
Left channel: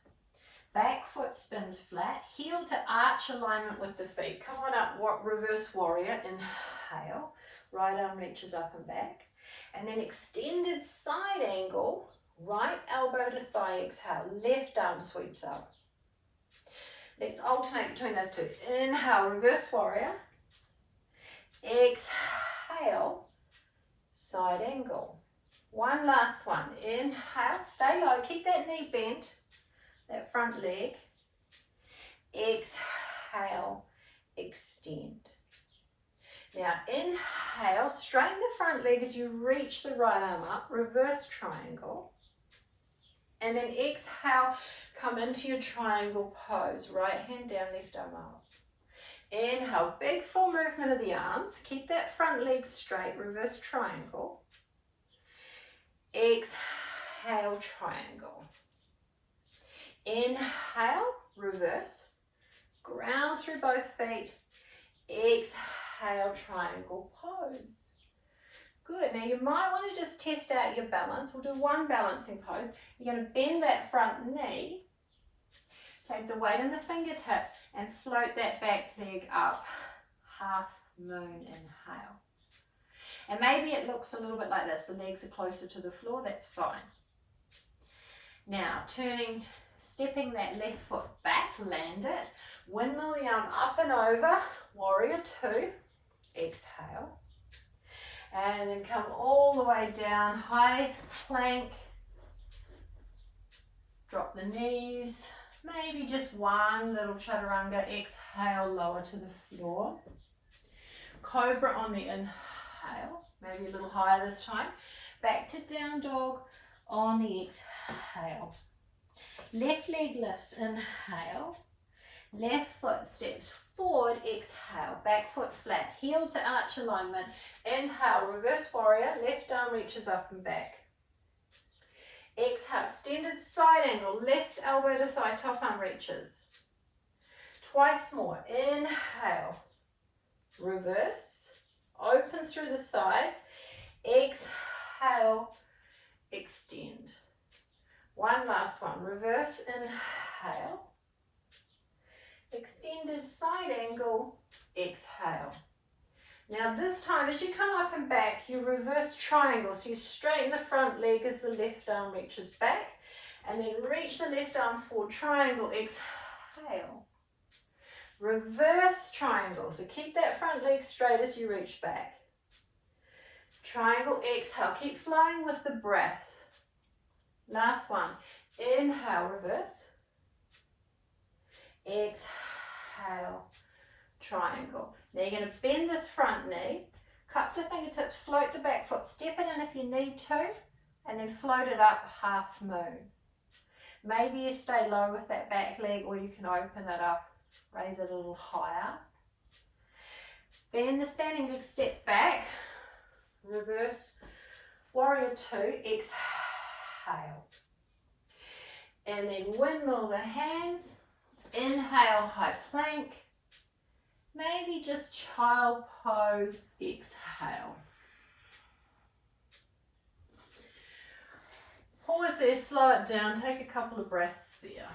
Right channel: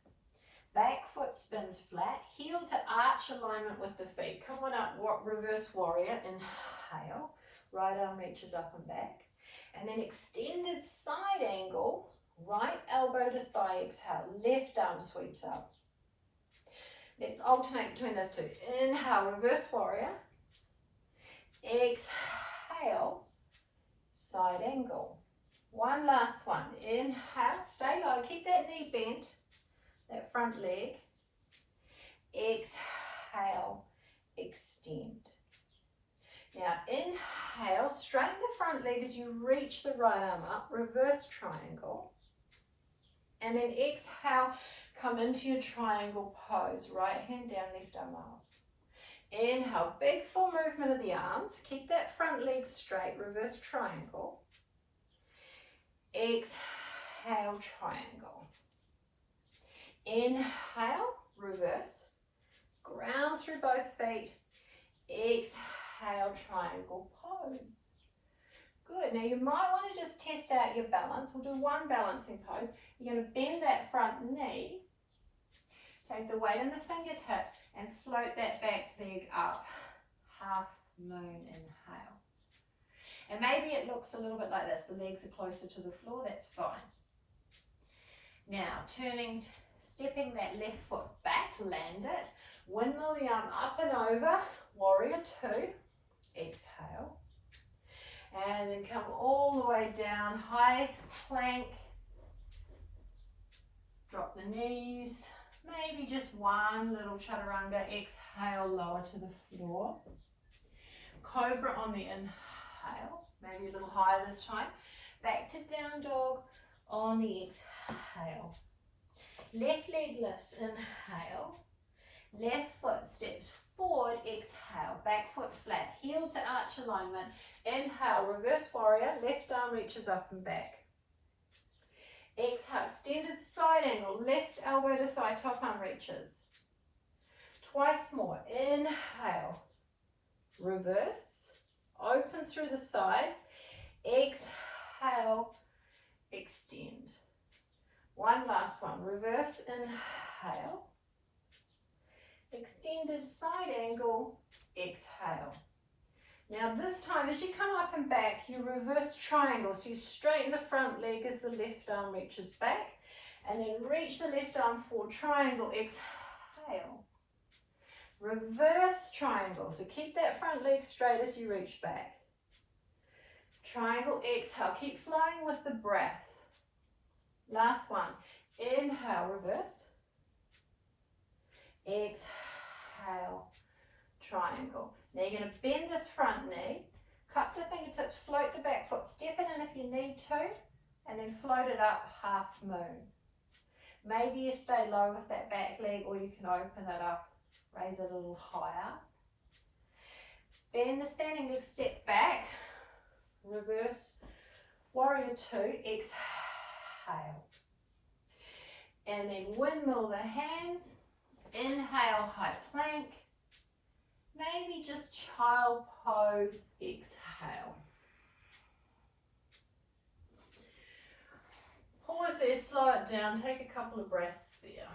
Back foot spins flat, heel to arch alignment with the feet. Come on up, reverse warrior, inhale. Right arm reaches up and back. And then extended side angle, right elbow to thigh, exhale. Left arm sweeps up. Let's alternate between those two. Inhale, reverse warrior. Exhale, side angle. One last one. Inhale, stay low, keep that knee bent, that front leg. Exhale, extend. Now inhale, straighten the front leg as you reach the right arm up, reverse triangle. And then exhale, come into your triangle pose. Right hand down, left arm up. Inhale, big full movement of the arms. Keep that front leg straight, reverse triangle. Exhale, triangle. Inhale, reverse. Ground through both feet. Exhale, triangle pose. Good. Now you might want to just test out your balance. We'll do one balancing pose. You're going to bend that front knee. Take the weight in the fingertips and float that back leg up. Half moon, inhale. And maybe it looks a little bit like this. The legs are closer to the floor. That's fine. Now turning, stepping that left foot back, land it. Windmill the arm up and over. Warrior two. Exhale. And then come all the way down. High plank. Drop the knees. Maybe just one little chaturanga. Exhale, lower to the floor. Cobra on the inhale. Maybe a little higher this time. Back to down dog on the exhale. Left leg lifts, inhale. Left foot steps forward, exhale. Back foot flat, heel to arch alignment. Inhale, reverse warrior. Left arm reaches up and back. Exhale, extended side angle. Left elbow to thigh, top arm reaches. Twice more. Inhale, reverse. Open through the sides. Exhale, extend. One last one. Reverse, inhale. Extended side angle, exhale. Now this time as you come up and back, you reverse triangle. So you straighten the front leg as the left arm reaches back. And then reach the left arm forward, triangle, exhale. Reverse triangle. So keep that front leg straight as you reach back. Triangle, exhale. Keep flowing with the breath. Last one. Inhale, reverse. Exhale, triangle. Now you're going to bend this front knee, cup the fingertips, float the back foot, step it in if you need to, and then float it up half moon. Maybe you stay low with that back leg, or you can open it up, raise it a little higher. Bend the standing leg, step back, reverse, warrior two, exhale. And then windmill the hands, inhale, high plank. Maybe just child pose, exhale. Pause there, slow it down, take a couple of breaths there.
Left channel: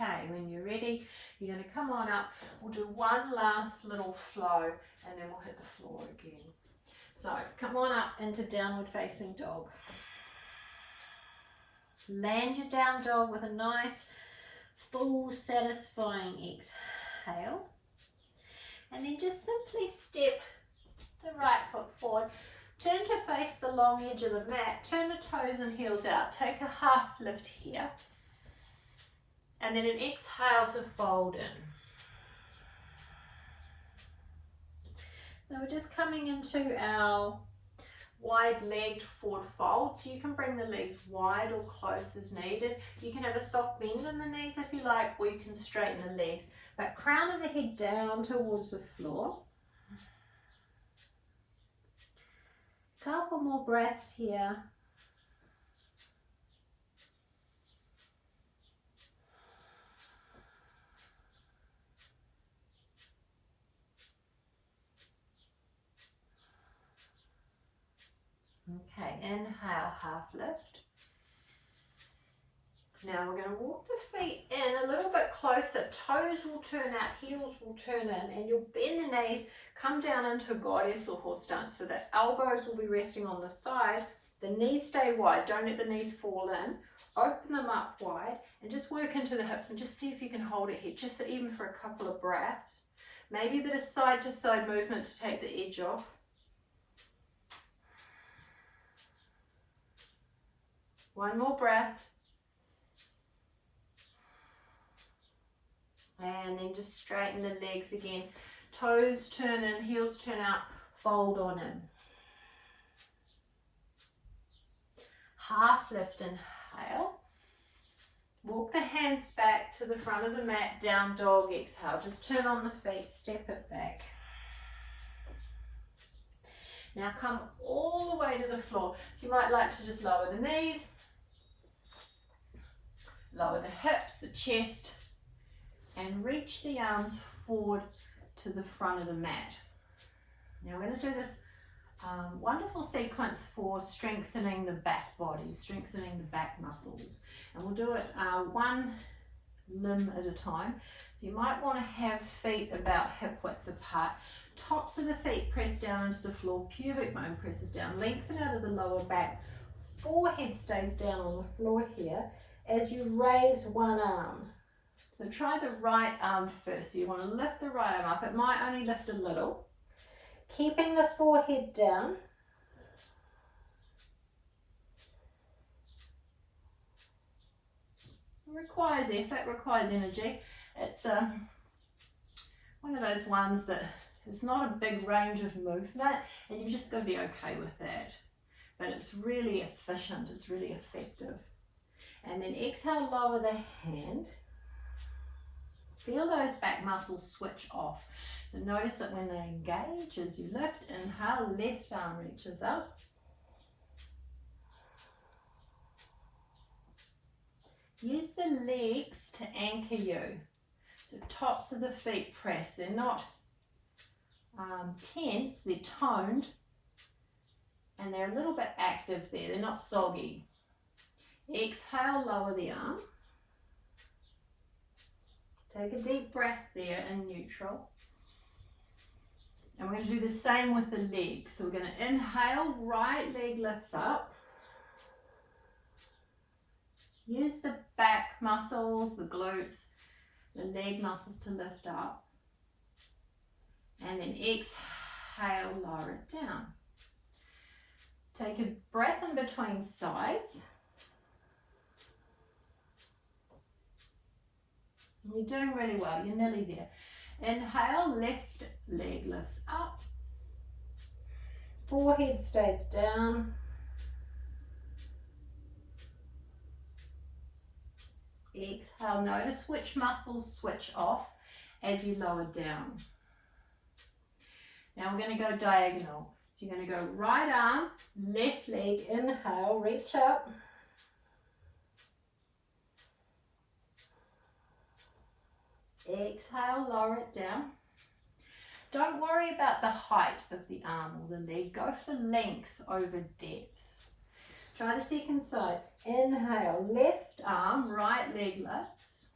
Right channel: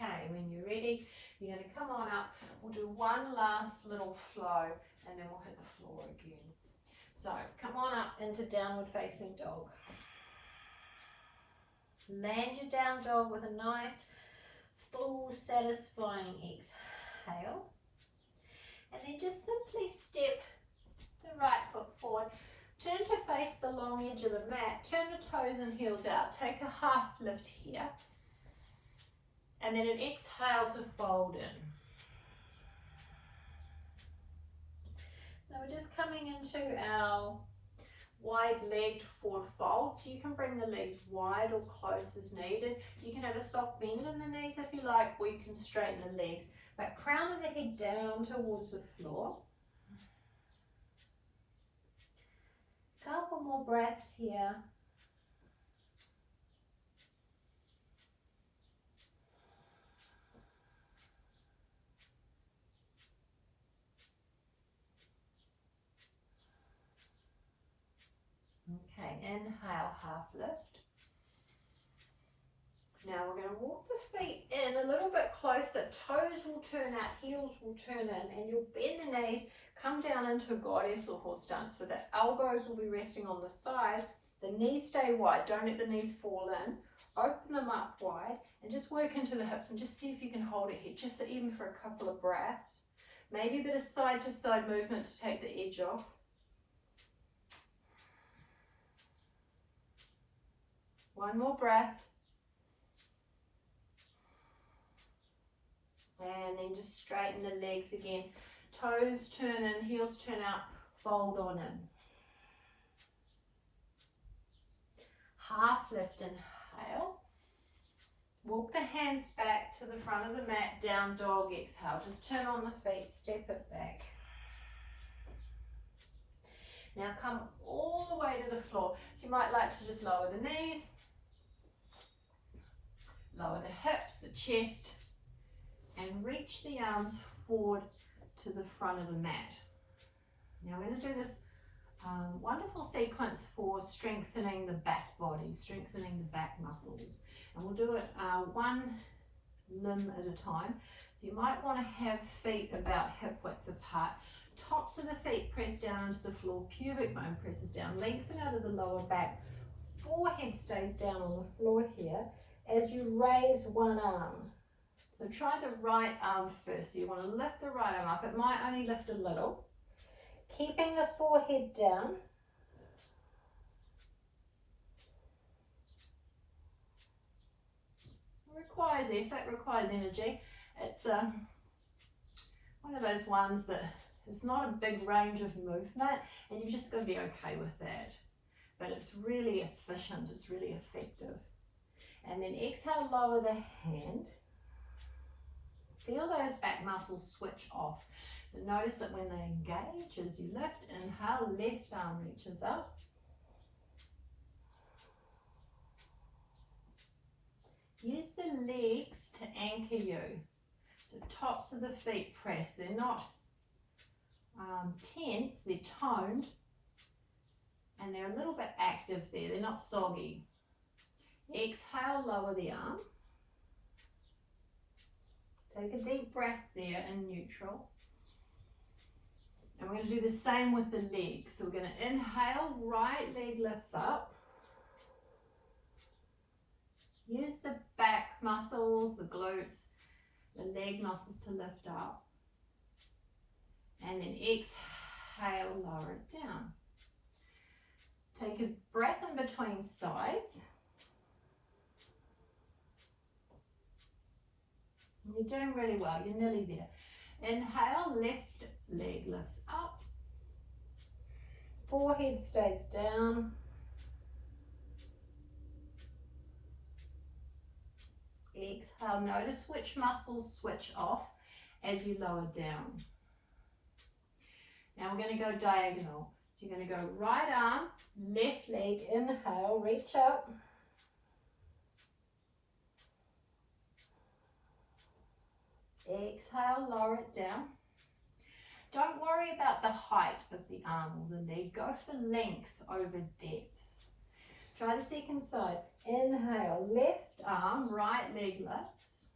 Okay, when you're ready, you're going to come on up. We'll do one last little flow and then we'll hit the floor again. So come on up into downward facing dog. Land your down dog with a nice, full, satisfying exhale. And then just simply step the right foot forward. Turn to face the long edge of the mat. Turn the toes and heels out. Take a half lift here. And then an exhale to fold in. Now we're just coming into our wide-legged forward fold. So you can bring the legs wide or close as needed. You can have a soft bend in the knees if you like, or you can straighten the legs. But crown of the head down towards the floor. Couple more breaths here. Okay, inhale, half lift. Now we're going to walk the feet in a little bit closer. Toes will turn out, heels will turn in, and you'll bend the knees, come down into goddess or horse stance. So the elbows will be resting on the thighs. The knees stay wide. Don't let the knees fall in. Open them up wide and just work into the hips and just see if you can hold it here, just even for a couple of breaths. Maybe a bit of side to side movement to take the edge off. One more breath. And then just straighten the legs again. Toes turn in, heels turn out, fold on in. Half lift, inhale. Walk the hands back to the front of the mat, down dog, exhale. Just turn on the feet, step it back. Now come all the way to the floor. So you might like to just lower the knees, lower the hips, the chest, and reach the arms forward to the front of the mat. Now we're going to do this wonderful sequence for strengthening the back body, strengthening the back muscles. And we'll do it one limb at a time. So you might want to have feet about hip width apart. Tops of the feet press down into the floor, pubic bone presses down, lengthen out of the lower back. Forehead stays down on the floor here as you raise one arm. So try the right arm first. So you want to lift the right arm up. It might only lift a little. Keeping the forehead down. It requires effort, requires energy. It's one of those ones that it's not a big range of movement and you've just got to be okay with that. But it's really efficient, it's really effective. And then exhale, lower the hand. Feel those back muscles switch off. So notice that when they engage as you lift, inhale, left arm reaches up. Use the legs to anchor you. So tops of the feet press. They're not tense, they're toned. And they're a little bit active there. They're not soggy. Exhale, lower the arm. Take a deep breath there in neutral. And we're going to do the same with the legs. So we're going to inhale, right leg lifts up. Use the back muscles, the glutes, the leg muscles to lift up. And then exhale, lower it down. Take a breath in between sides. You're doing really well, you're nearly there. Inhale, left leg lifts up. Forehead stays down. Exhale, notice which muscles switch off as you lower down. Now we're going to go diagonal. So you're going to go right arm, left leg, inhale, reach up. Exhale, lower it down. Don't worry about the height of the arm or the leg. Go for length over depth. Try the second side. Inhale, left arm, right leg lifts.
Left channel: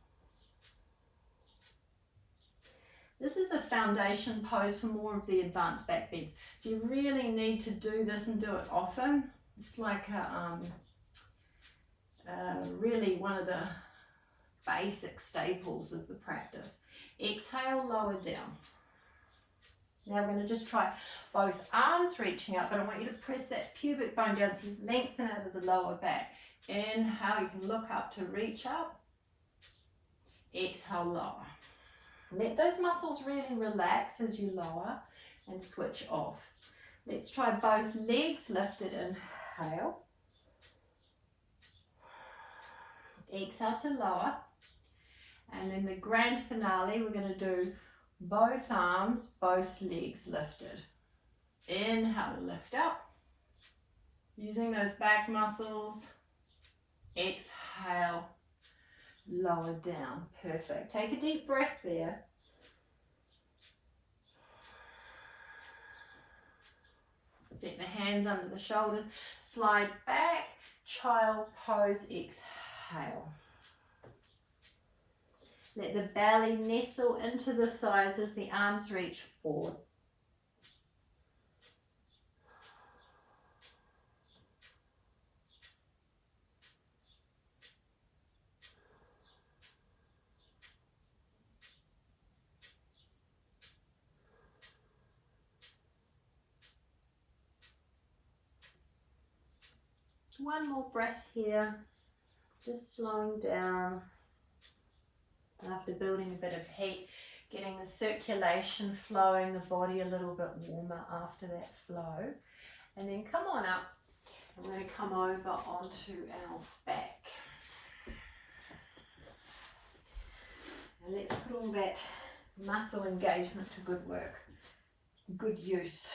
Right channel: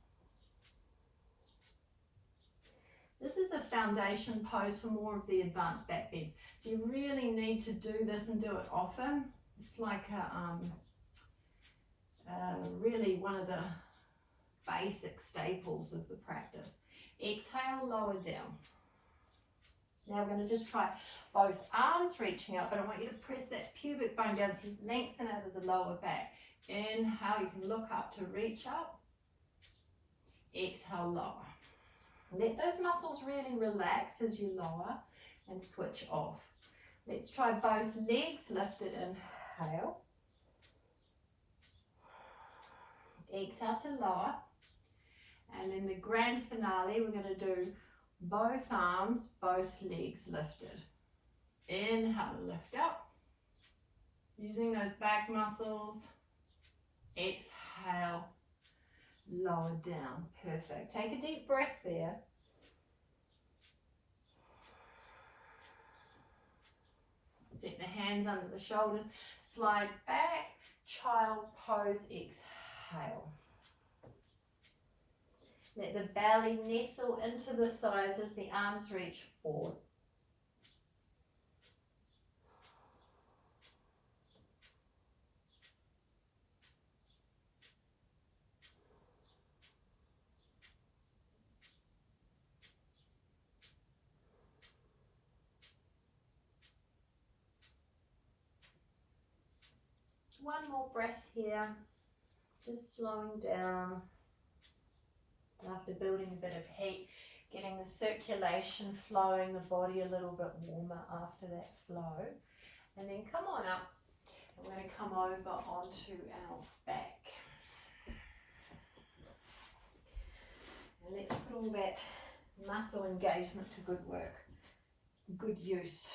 This is a foundation pose for more of the advanced back bends. So you really need to do this and do it often. It's like really one of the basic staples of the practice. Exhale, lower down. Now we're going to just try both arms reaching up, but I want you to press that pubic bone down so you lengthen out of the lower back. Inhale, you can look up to reach up. Exhale, lower. Let those muscles really relax as you lower and switch off. Let's try both legs lifted. Inhale. Exhale to lower. And then the grand finale, we're going to do both arms, both legs lifted. Inhale to lift up. Using those back muscles. Exhale. Lower down. Perfect. Take a deep breath there. Set the hands under the shoulders. Slide back. Child pose. Exhale. Let the belly nestle into the thighs as the arms reach forward. One more breath here, just slowing down after building a bit of heat, getting the circulation flowing, the body a little bit warmer after that flow. And then come on up, and we're going to come over onto our back. And let's put all that muscle engagement to good work, good use.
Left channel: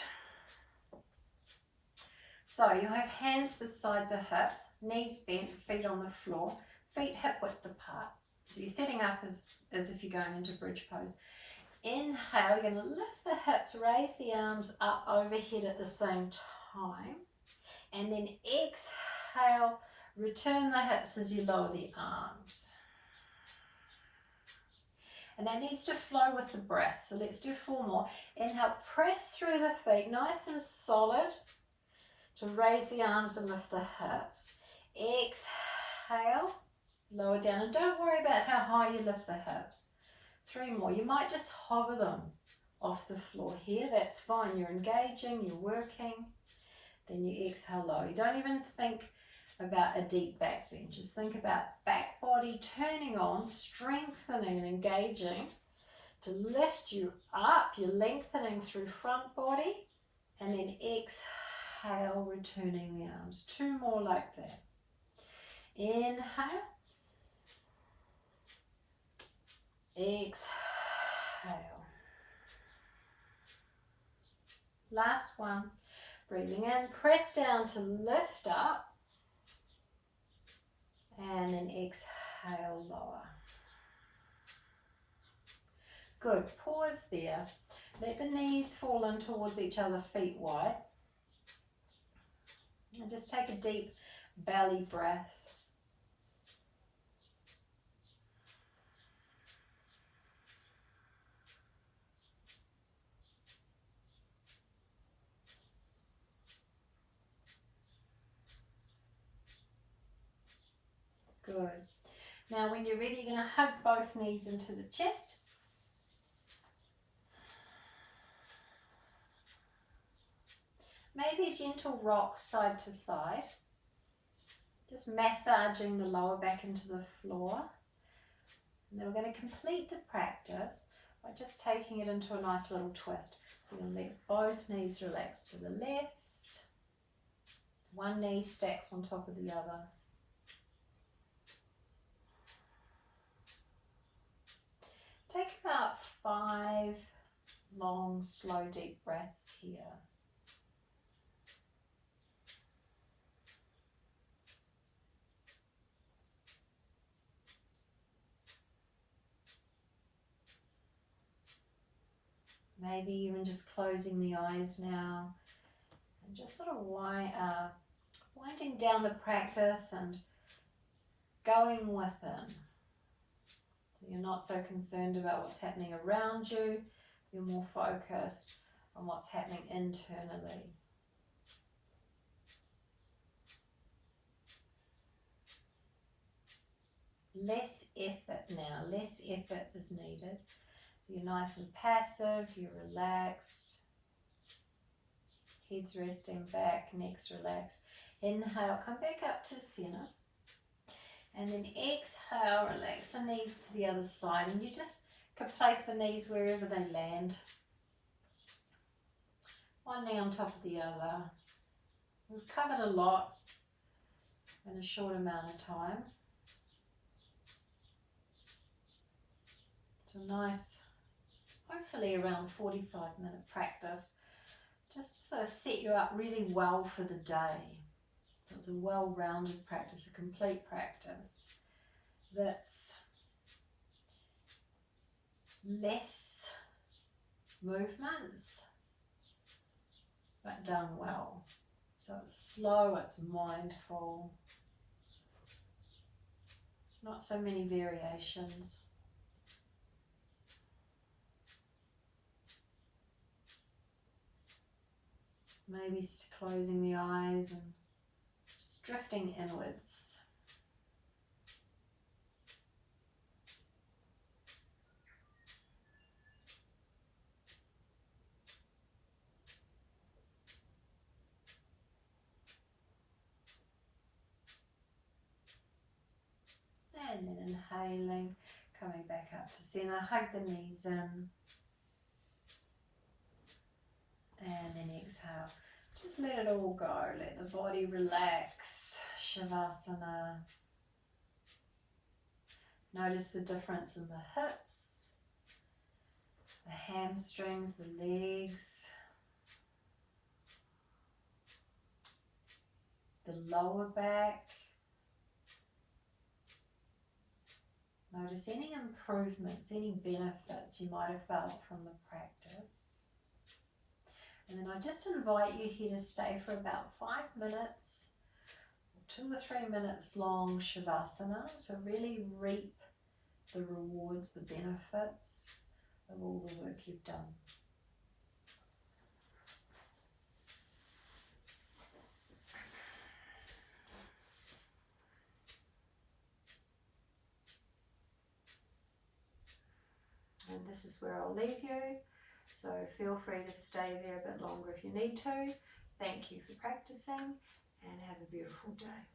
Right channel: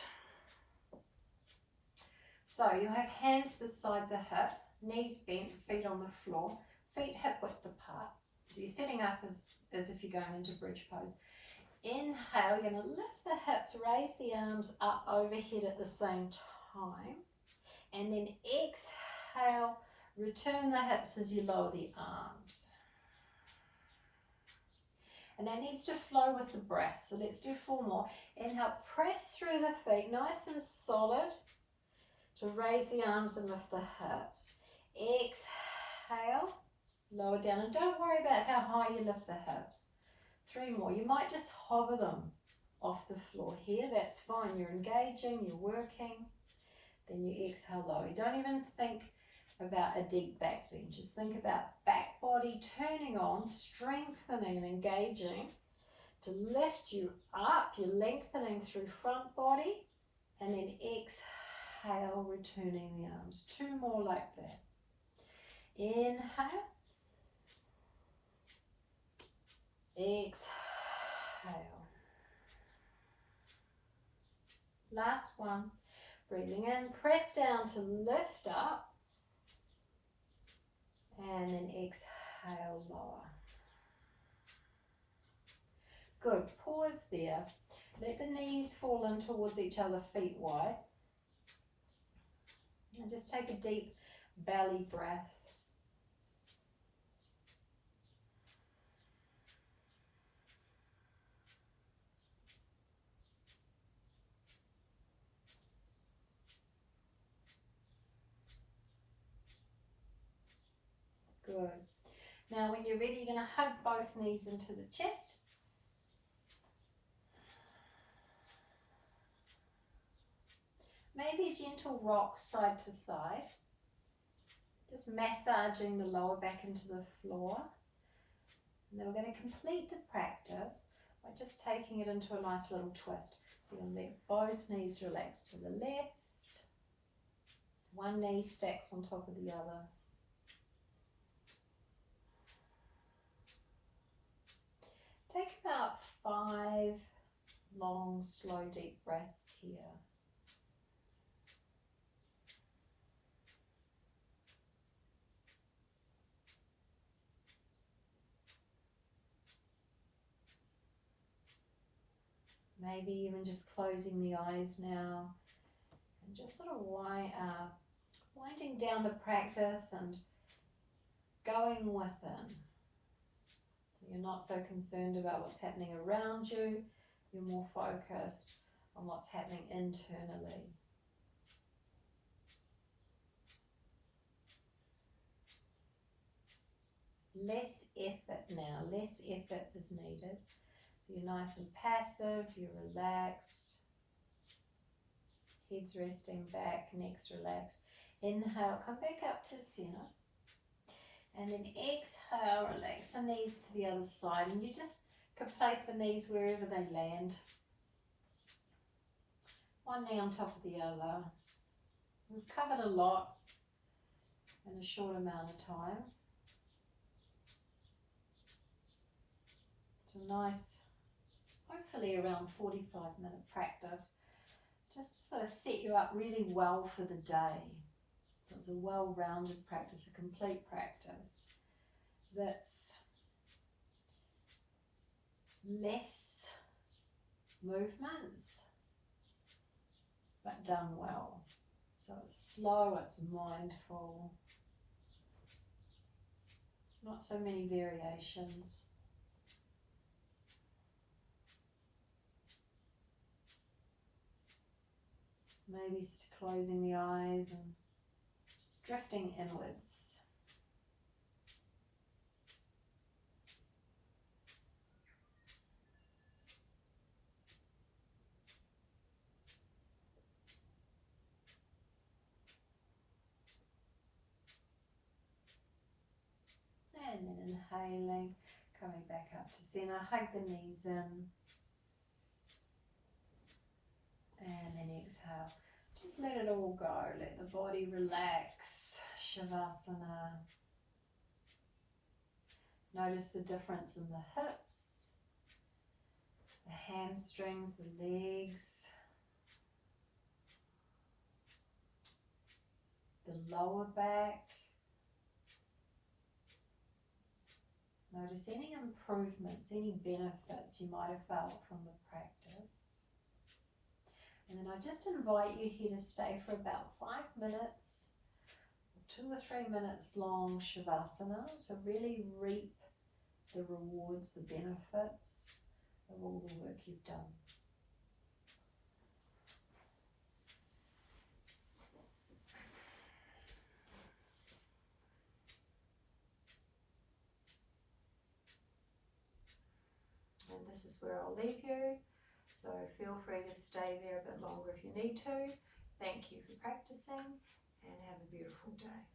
So you'll have hands beside the hips, knees bent, feet on the floor, feet hip width apart. So you're setting up as if you're going into bridge pose. Inhale, you're going to lift the hips, raise the arms up overhead at the same time. And then exhale, return the hips as you lower the arms. And that needs to flow with the breath. So let's do 4 more. Inhale, press through the feet, nice and solid, to raise the arms and lift the hips. Exhale, lower down, and don't worry about how high you lift the hips. 3 more. You might just hover them off the floor here. That's fine. You're engaging, you're working. Then you exhale low. You don't even think about a deep back bend. Just think about back body turning on, strengthening and engaging to lift you up. You're lengthening through front body, and then exhale, returning the arms. 2 more like that. Inhale. Exhale. Last one. Breathing in, press down to lift up, and then exhale, lower. Good. Pause there. Let the knees fall in towards each other, feet wide. And just take a deep belly breath. Good. Now when you're ready, you're going to hug both knees into the chest. Maybe a gentle rock side to side. Just massaging the lower back into the floor. And then we're going to complete the practice by just taking it into a nice little twist. So you're going to let both knees relax to the left. One knee stacks on top of the other. Take about 5 long, slow, deep breaths here. Maybe even just closing the eyes now and just sort of winding down the practice and going within. You're not so concerned about what's happening around you. You're more focused on what's happening internally. Less effort now, less effort is needed. You're nice and passive, you're relaxed. Head's resting back, neck's relaxed. Inhale, come back up to center. And then exhale, relax the knees to the other side. And you just can place the knees wherever they land. One knee on top of the other. We've covered a lot in a short amount of time. It's a nice, hopefully around 45-minute practice, just to sort of set you up really well for the day. So it's a well-rounded practice, a complete practice that's less movements, but done well. So it's slow, it's mindful, not so many variations. Maybe closing the eyes and just drifting inwards. And then inhaling, coming back up to center, hug the knees in. And then exhale. Just let it all go. Let the body relax. Shavasana. Notice the difference in the hips, the hamstrings, the legs, the lower back. Notice any improvements, any benefits you might have felt from the practice. And then I just invite you here to stay for about 5 minutes, or 2 or 3 minutes long Shavasana, to really reap the rewards, the benefits of all the work you've done. And this is where I'll leave you. So feel free to stay there a bit longer if you need to. Thank you for practicing and have a beautiful day.